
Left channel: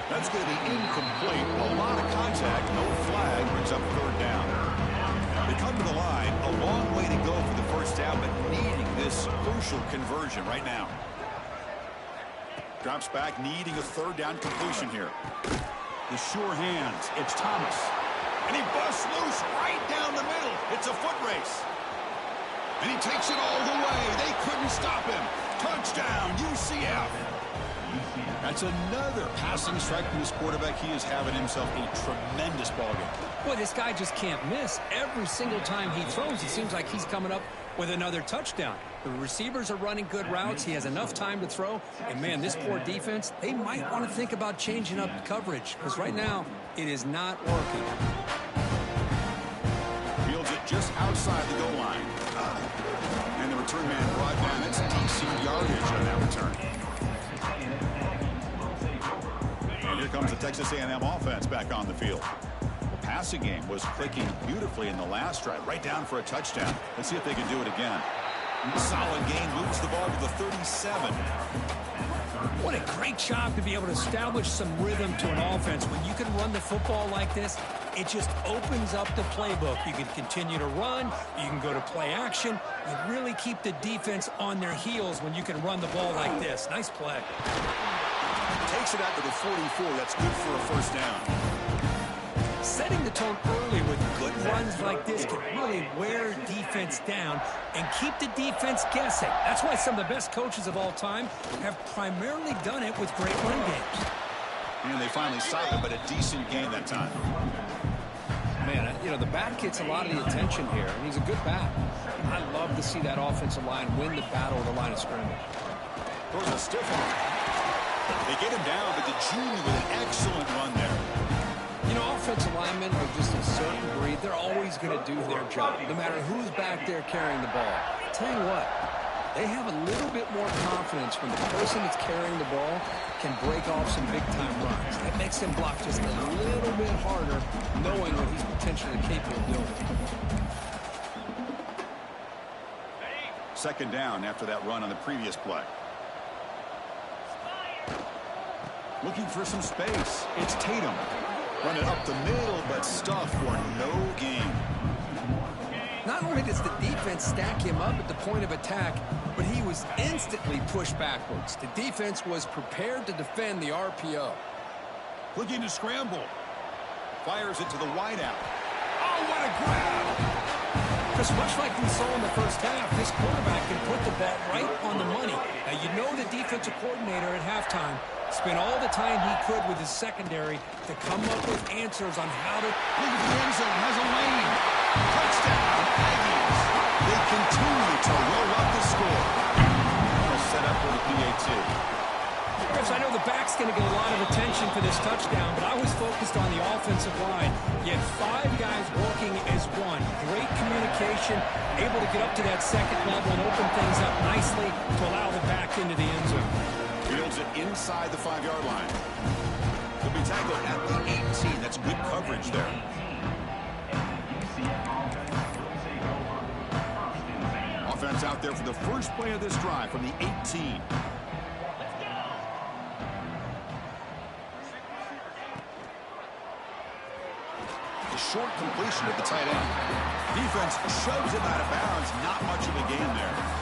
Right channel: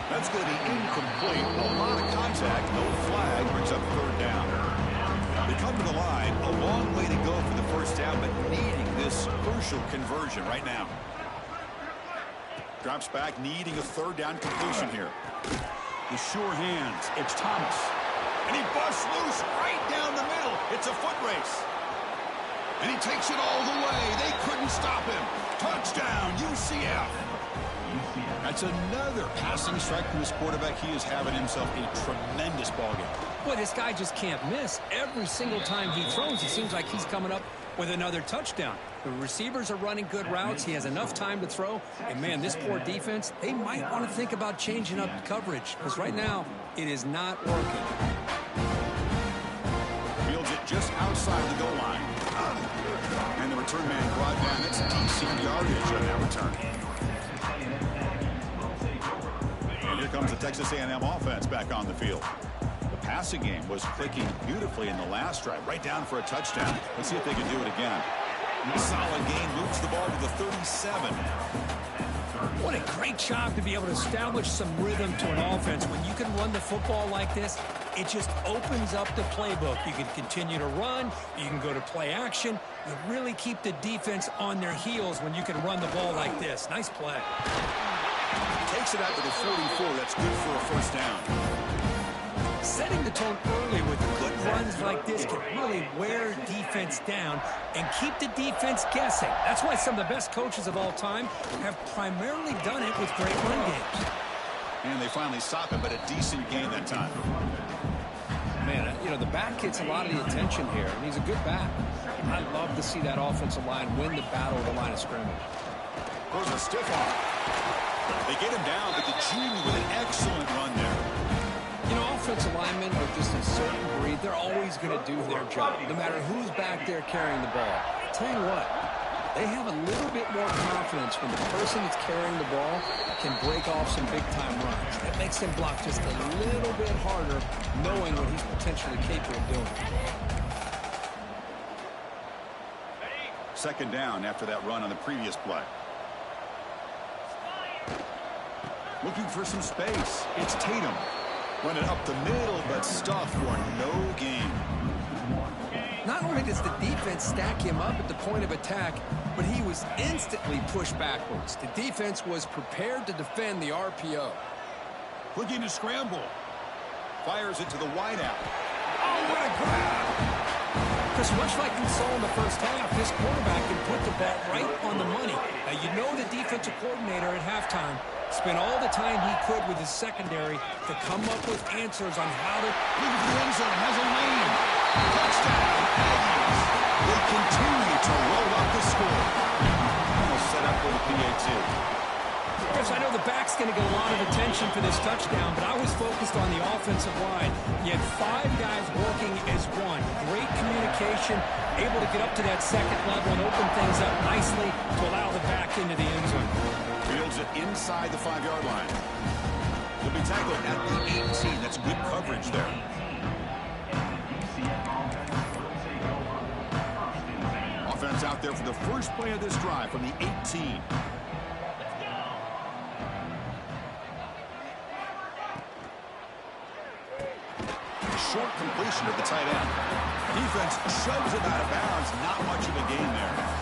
That's going to be incomplete. A lot of contact. No flag. Brings up third down. They come to the line. A long way to go for the first down, but needing this crucial conversion right now. Drops back, needing a third down completion here. The sure hands. It's Thomas. And he busts loose right down the middle. It's a foot race. And he takes it all the way. They couldn't stop him. Touchdown, UCF. That's another passing strike from this quarterback. He is having himself a tremendous ballgame. Boy, this guy just can't miss. Every single time he throws, it seems like he's coming up with another touchdown. The receivers are running good routes. He has enough time to throw. And, man, this poor defense, they might want to think about changing up coverage because right now it is not working. Fields it just outside the goal line. And the return man brought down. That's decent yardage on that return. And here comes the Texas A&M offense back on the field. The passing game was clicking beautifully in the last drive, right down for a touchdown. Let's see if they can do it again. Solid game, moves the ball to the 37. What a great job to be able to establish some rhythm to an offense. When you can run the football like this, it just opens up the playbook. You can continue to run. You can go to play action. You really keep the defense on their heels when you can run the ball like this. Nice play. Takes it out to the 44. That's good for a first down. Setting the tone early with good runs like this can really wear defense down and keep the defense guessing. That's why some of the best coaches of all time have primarily done it with great run games. And they finally stop it, but a decent game that time. Man, you know, the back gets a lot of the attention here, and he's a good back. I love to see that offensive line win the battle of the line of scrimmage. Throws a stiff arm. They get him down, but the junior with an excellent run there. You know, offensive linemen are just a certain breed. They're always going to do their job, no matter who's back there carrying the ball. I'll tell you what, they have a little bit more confidence when the person that's carrying the ball can break off some big-time runs. That makes them block just a little bit harder, knowing what he's potentially capable of doing. Second down after that run on the previous play. Looking for some space. It's Tatum. Run it up the middle, but stuffed for no gain. Not only does the defense stack him up at the point of attack, but he was instantly pushed backwards. The defense was prepared to defend the RPO. Looking to scramble. Fires it to the wideout. Oh, what a grab! Chris, much like we saw in the first half, this quarterback can put the ball right on the money. Now, you know the defensive coordinator at halftime spent all the time he could with his secondary to come up with answers on how to... Look at the end zone. Has a lane. Touchdown, Aggies. They continue to roll up the score. And they'll set up with a PAT. Chris, I know the back's going to get a lot of attention for this touchdown, but I was focused on the offensive line. You had 5 guys working as one. Great communication, able to get up to that second level and open things up nicely to allow the back into the end zone. Fields it inside the 5-yard line. He'll be tackled at the 18. That's good coverage there. Offense out there for the first play of this drive from the 18. Short completion of the tight end. Defense shoves it out of bounds. Not much of a gain there.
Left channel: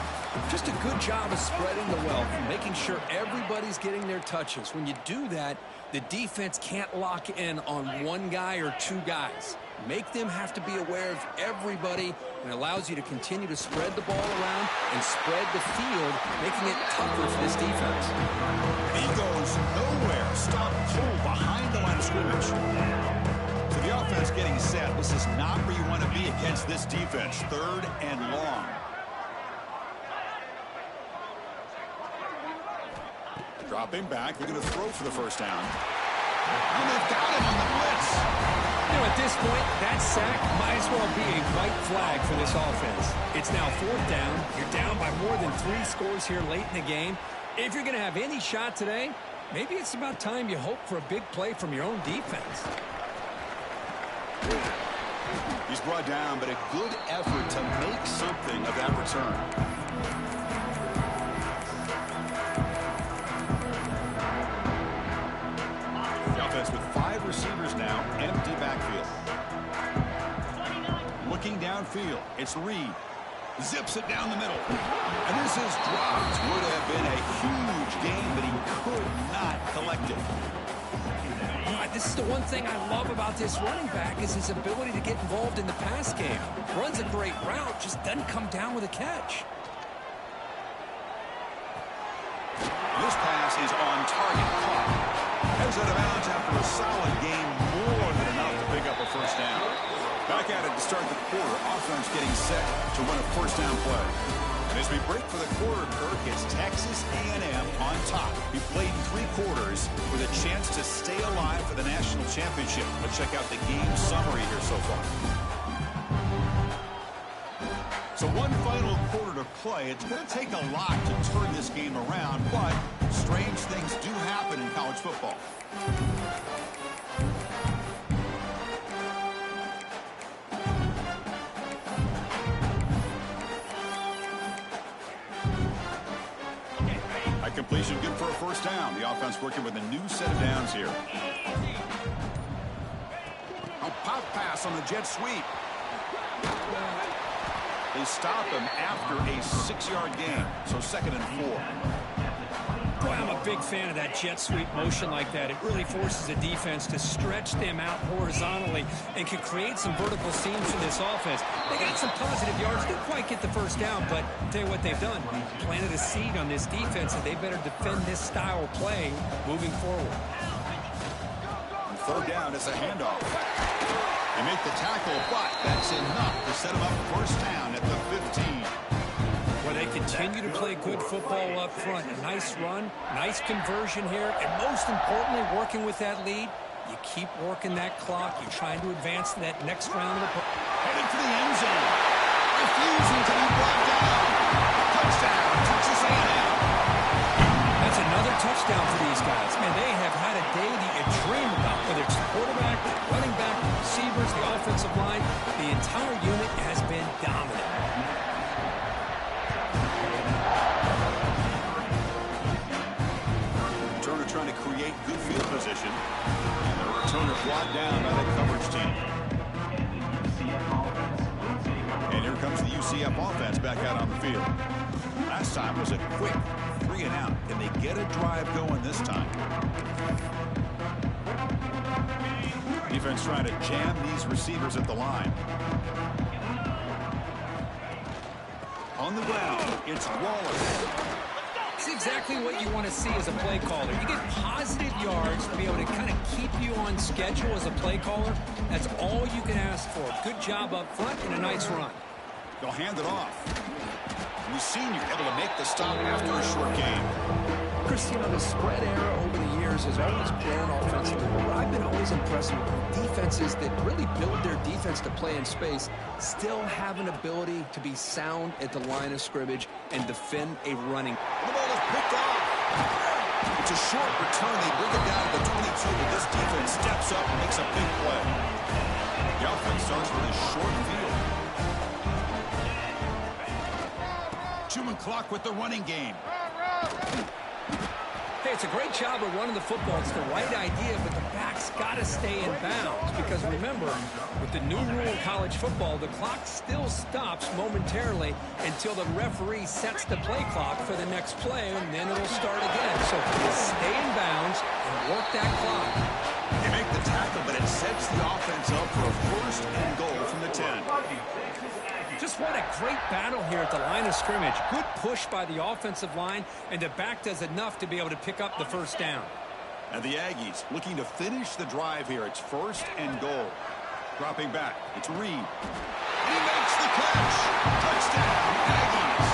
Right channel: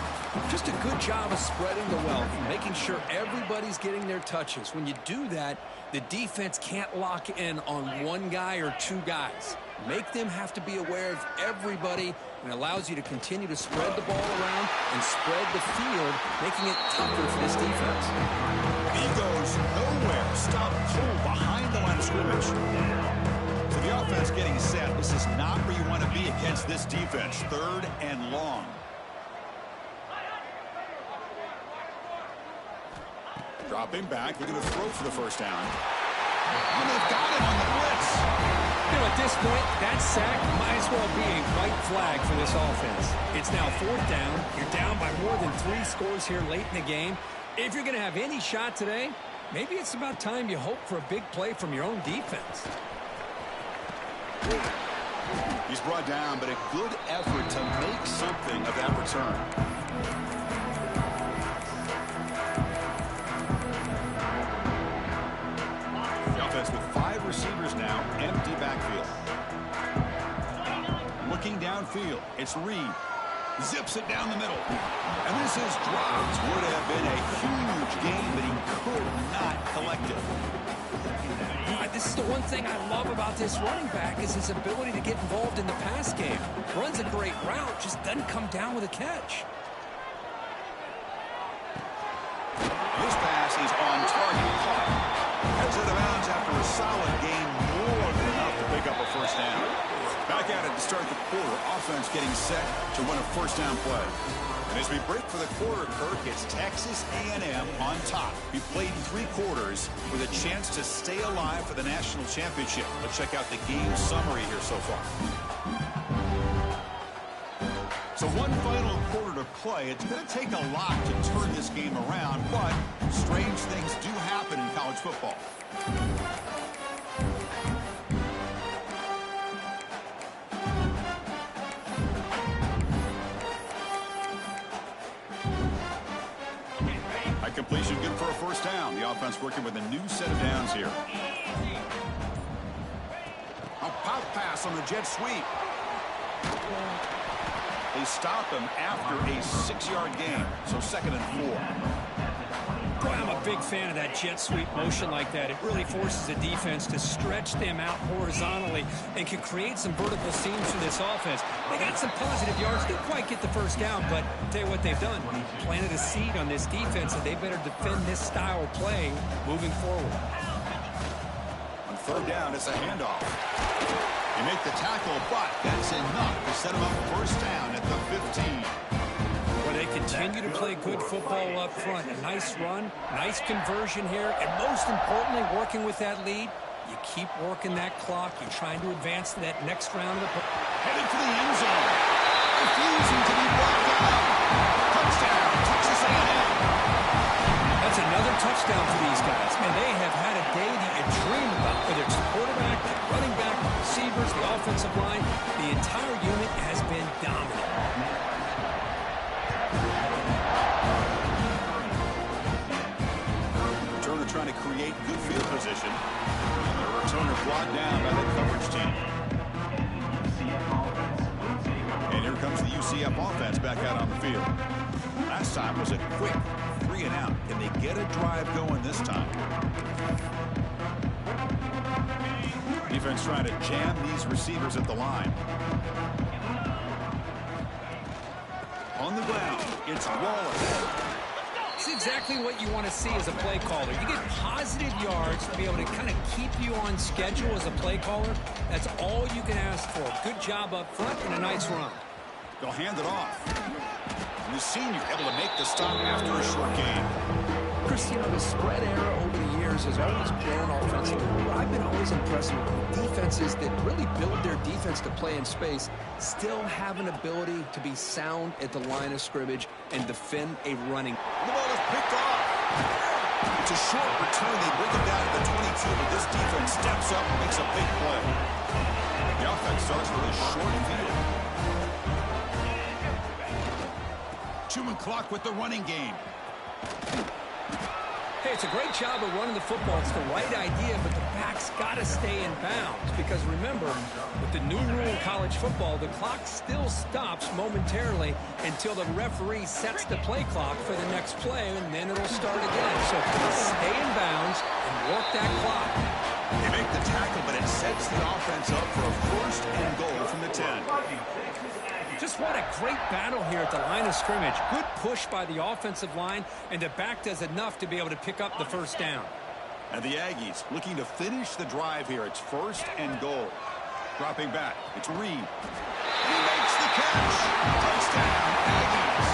Just a good job of spreading the wealth, making sure everybody's getting their touches. When you do that, the defense can't lock in on one guy or 2 guys. Make them have to be aware of everybody, and it allows you to continue to spread the ball around and spread the field, making it tougher for this defense. He goes nowhere. Stop pull behind the line of scrimmage. So the offense getting set. This is not where you want to be against this defense. 3rd and long. Dropping back, looking to throw for the first down. And they've got him on the blitz. You know, at this point, that sack might as well be a white flag for this offense. It's now 4th down. You're down by more than 3 scores here late in the game. If you're going to have any shot today, maybe it's about time you hope for a big play from your own defense. He's brought down, but a good effort to make something of that return. With 5 receivers now, empty backfield. Looking downfield, it's Reed. Zips it down the middle. And this is dropped. Would have been a huge gain, but he could not collect it. This is the one thing I love about this running back is his ability to get involved in the pass game. Runs a great route, just doesn't come down with a catch. This pass is on target, caught. Heads out of bounds after a solid gain, more than enough to pick up a first down. Back at it to start the quarter. Offense getting set to win a first down play. And as we break for the quarter, Kirk, it's Texas A&M on top. We played 3 quarters with a chance to stay alive for the national championship. Let's check out the game summary here so far. So one final quarter to play. It's going to take a lot to turn this game around, but strange things do happen in college football. High completion, good for a first down. The offense working with a new set of downs here. A pop pass on the jet sweep. They stop him after a 6-yard gain, so 2nd and 4. Boy, I'm a big fan of that jet sweep motion like that. It really forces the defense to stretch them out horizontally and can create some vertical seams for this offense. They got some positive yards. Didn't quite get the first down, but I'll tell you what they've done. Planted a seed on this defense, and they better defend this style of play moving forward. On 3rd down, it's a handoff. You make the tackle, but that's enough to set him up first down at the 15. Well, they continue to play good football up front. A nice run, nice conversion here, and most importantly, working with that lead, you keep working that clock. You're trying to advance to that next round of the... Headed for the end zone. Refusing to be brought down. Touchdown, Texas A&M. That's another touchdown for these guys. Man, they have had a day that you dream about, whether it's the quarterback, the running back, the receivers, the offensive line. The entire unit has been dominant. trying to create good field position. And the returner brought down by that coverage team. And here comes the UCF offense back out on the field. Last time was a quick 3 and out. Can they get a drive going this time? Defense trying to jam these receivers at the line. On the ground, it's Wallace. It's exactly what you want to see as a play caller. You get positive yards to be able to kind of keep you on schedule as a play caller. That's all you can ask for. Good job up front and a nice run. They'll hand it off. And the senior able to make the stop after a short game. Chris, you know, the spread era over the years has always grown offensively. But I've been always impressed with defenses that really build their defense to play in space, still have an ability to be sound at the line of scrimmage and defend a running. The ball is picked off. It's a short return. They bring it down to the 22, but this defense steps up and makes a big play. The offense starts with a short field. 2-minute clock with the running game. Hey, it's a great job of running the football. It's the right idea, but the back's got to stay in bounds. Because remember, with the new rule in college football, the clock still stops momentarily until the referee sets the play clock for the next play, and then it'll start again. So stay in bounds and work that clock. They make the tackle, but it sets the offense up for a first and goal from the 10. Just what a great battle here at the line of scrimmage. Good push by the offensive line, and the back does enough to be able to pick up the first down. And the Aggies looking to finish the drive here. It's first and goal. Dropping back. It's Reed. And he makes the catch. Touchdown, Aggies.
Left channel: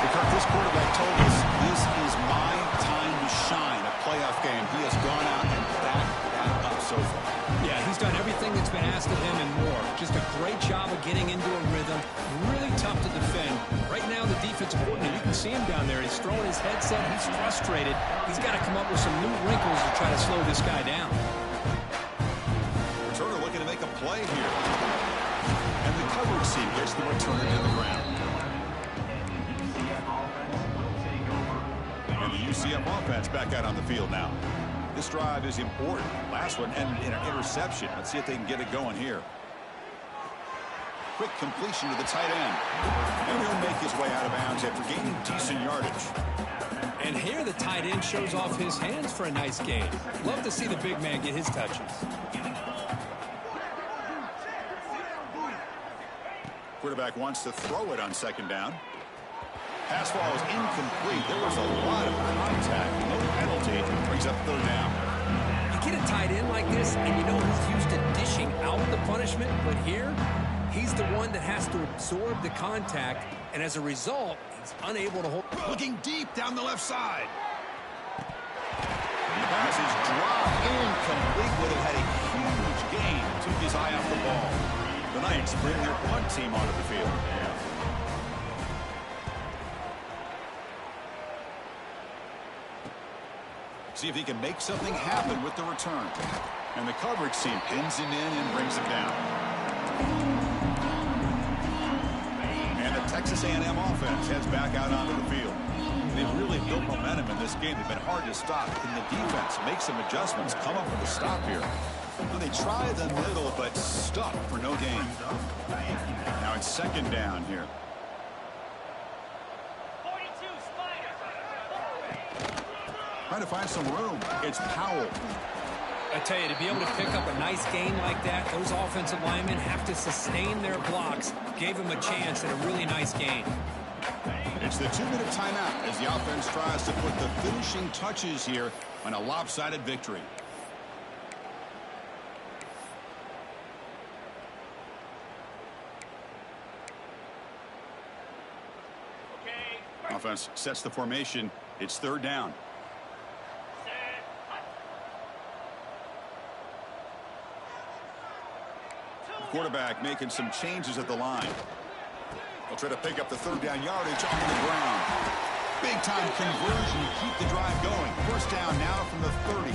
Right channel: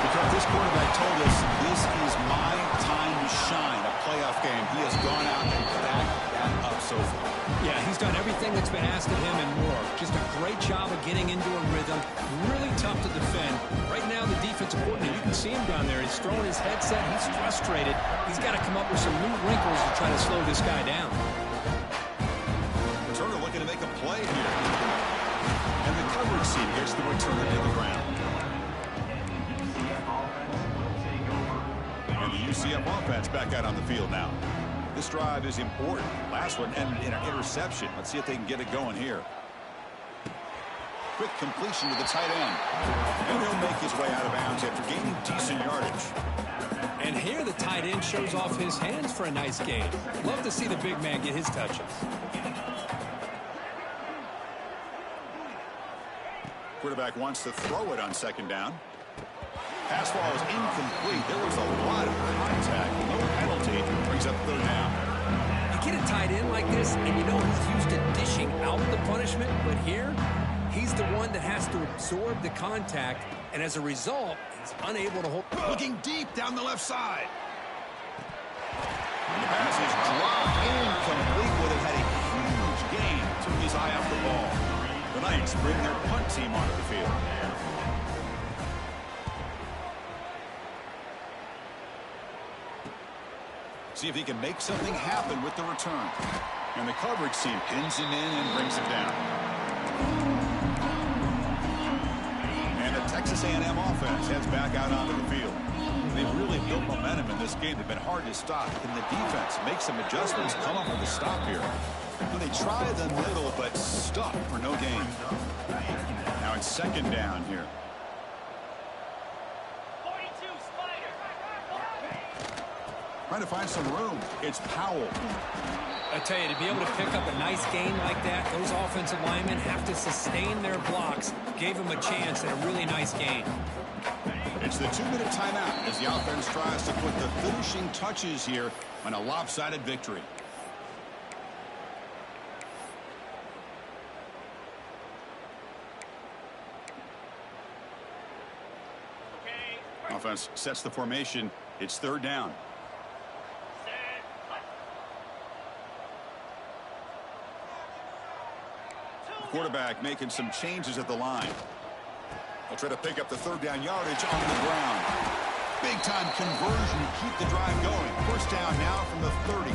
Because this quarterback told us this is my time to shine, a playoff game. He has gone out and backed that up so far. Yeah, he's done everything that's been asked of him and more. Just a great job of getting into a rhythm. Really tough to defend. Right now, the defensive coordinator, you can see him down there. He's throwing his headset. He's frustrated. He's got to come up with some new wrinkles to try to slow this guy down. Returner looking to make a play here. And the coverage team gets the returner to the ground. And the UCF offense back out on the field now. This drive is important. Last one ended in an interception. Let's see if they can get it going here. Quick completion to the tight end. And he'll make his way out of bounds after gaining decent yardage. And here the tight end shows off his hands for a nice gain. Love to see the big man get his touches. Quarterback wants to throw it on second down. Pass ball is incomplete. There was a lot of contact. No penalty. Brings up third down. You get a tight end like this, and you know he's used to dishing out the punishment. But here, he's the one that has to absorb the contact. And as a result, he's unable to hold. Looking deep down the left side. And the pass is dropped. Incomplete. Would have had a huge gain. Took his eye off the ball. The Knights bring their punt team onto the field. See if he can make something happen with the return. And the coverage team pins him in and brings him down. And the Texas A&M offense heads back out onto the field. They've really built momentum in this game. They've been hard to stop. Can the defense make some adjustments, come up with a stop here? Well, they try the middle, but stuck for no gain. Now it's second down here. Trying to find some room. It's Powell. I tell you, to be able to pick up a nice gain like that, those offensive linemen have to sustain their blocks. Gave him a chance and a really nice gain. It's the 2-minute timeout as the offense tries to put the finishing touches here on a lopsided victory. Offense sets the formation. It's third down. Quarterback making some changes at the line. They'll try to pick up the third down yardage on the ground. Big time conversion to keep the drive going. First down now from the 30.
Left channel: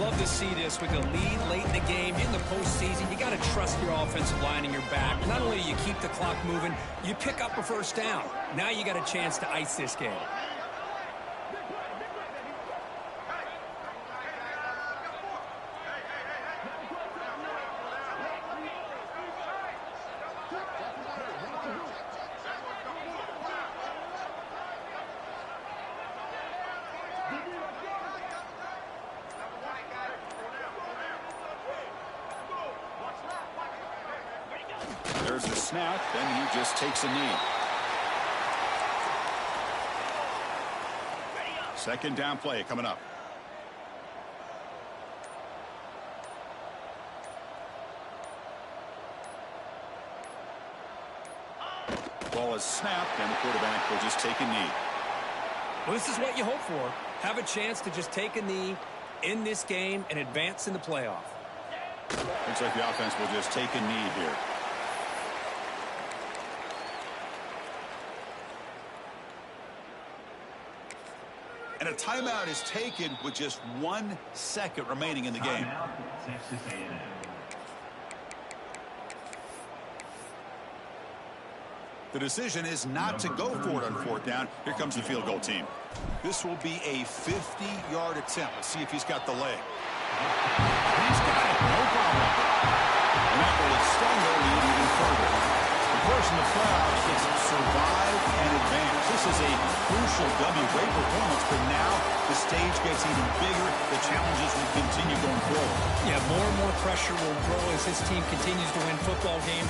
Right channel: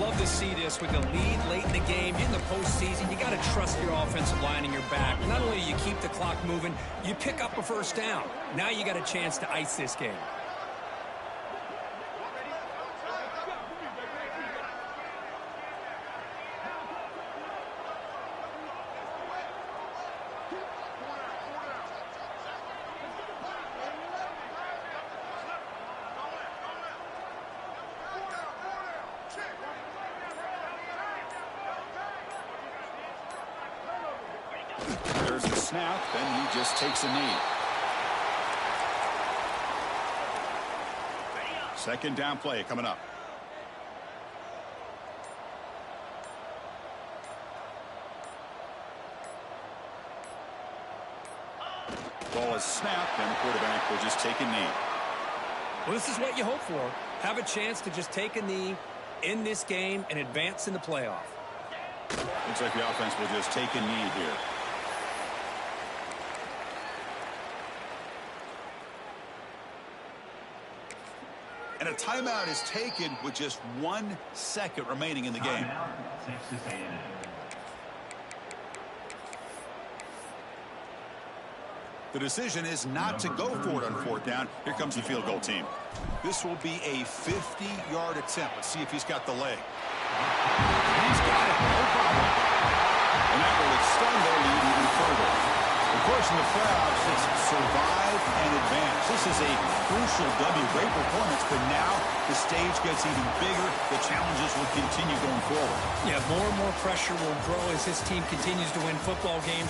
Love to see this with the lead late in the game. In the postseason, you got to trust your offensive line and your back. Not only do you keep the clock moving, you pick up a first down. Now you got a chance to ice this game. There's the snap, and he just takes a knee. Second down play coming up. Ball is snapped, and the quarterback will just take a knee. Well, this is what you hope for. Have a chance to just take a knee in this game and advance in the playoff. Looks like the offense will just take a knee here. And a timeout is taken with just 1 second remaining in the game. The decision is not to go for it on 4th down. Here comes the field goal team. This will be a 50-yard attempt. Let's see if he's got the leg. He's got it. No problem. And that will extend their lead even further. Of course, in the playoffs, it's survive and advance. This is a crucial W. Great performance, but now the stage gets even bigger. The challenges will continue going forward. Yeah, more and more pressure will grow as this team continues to win football games.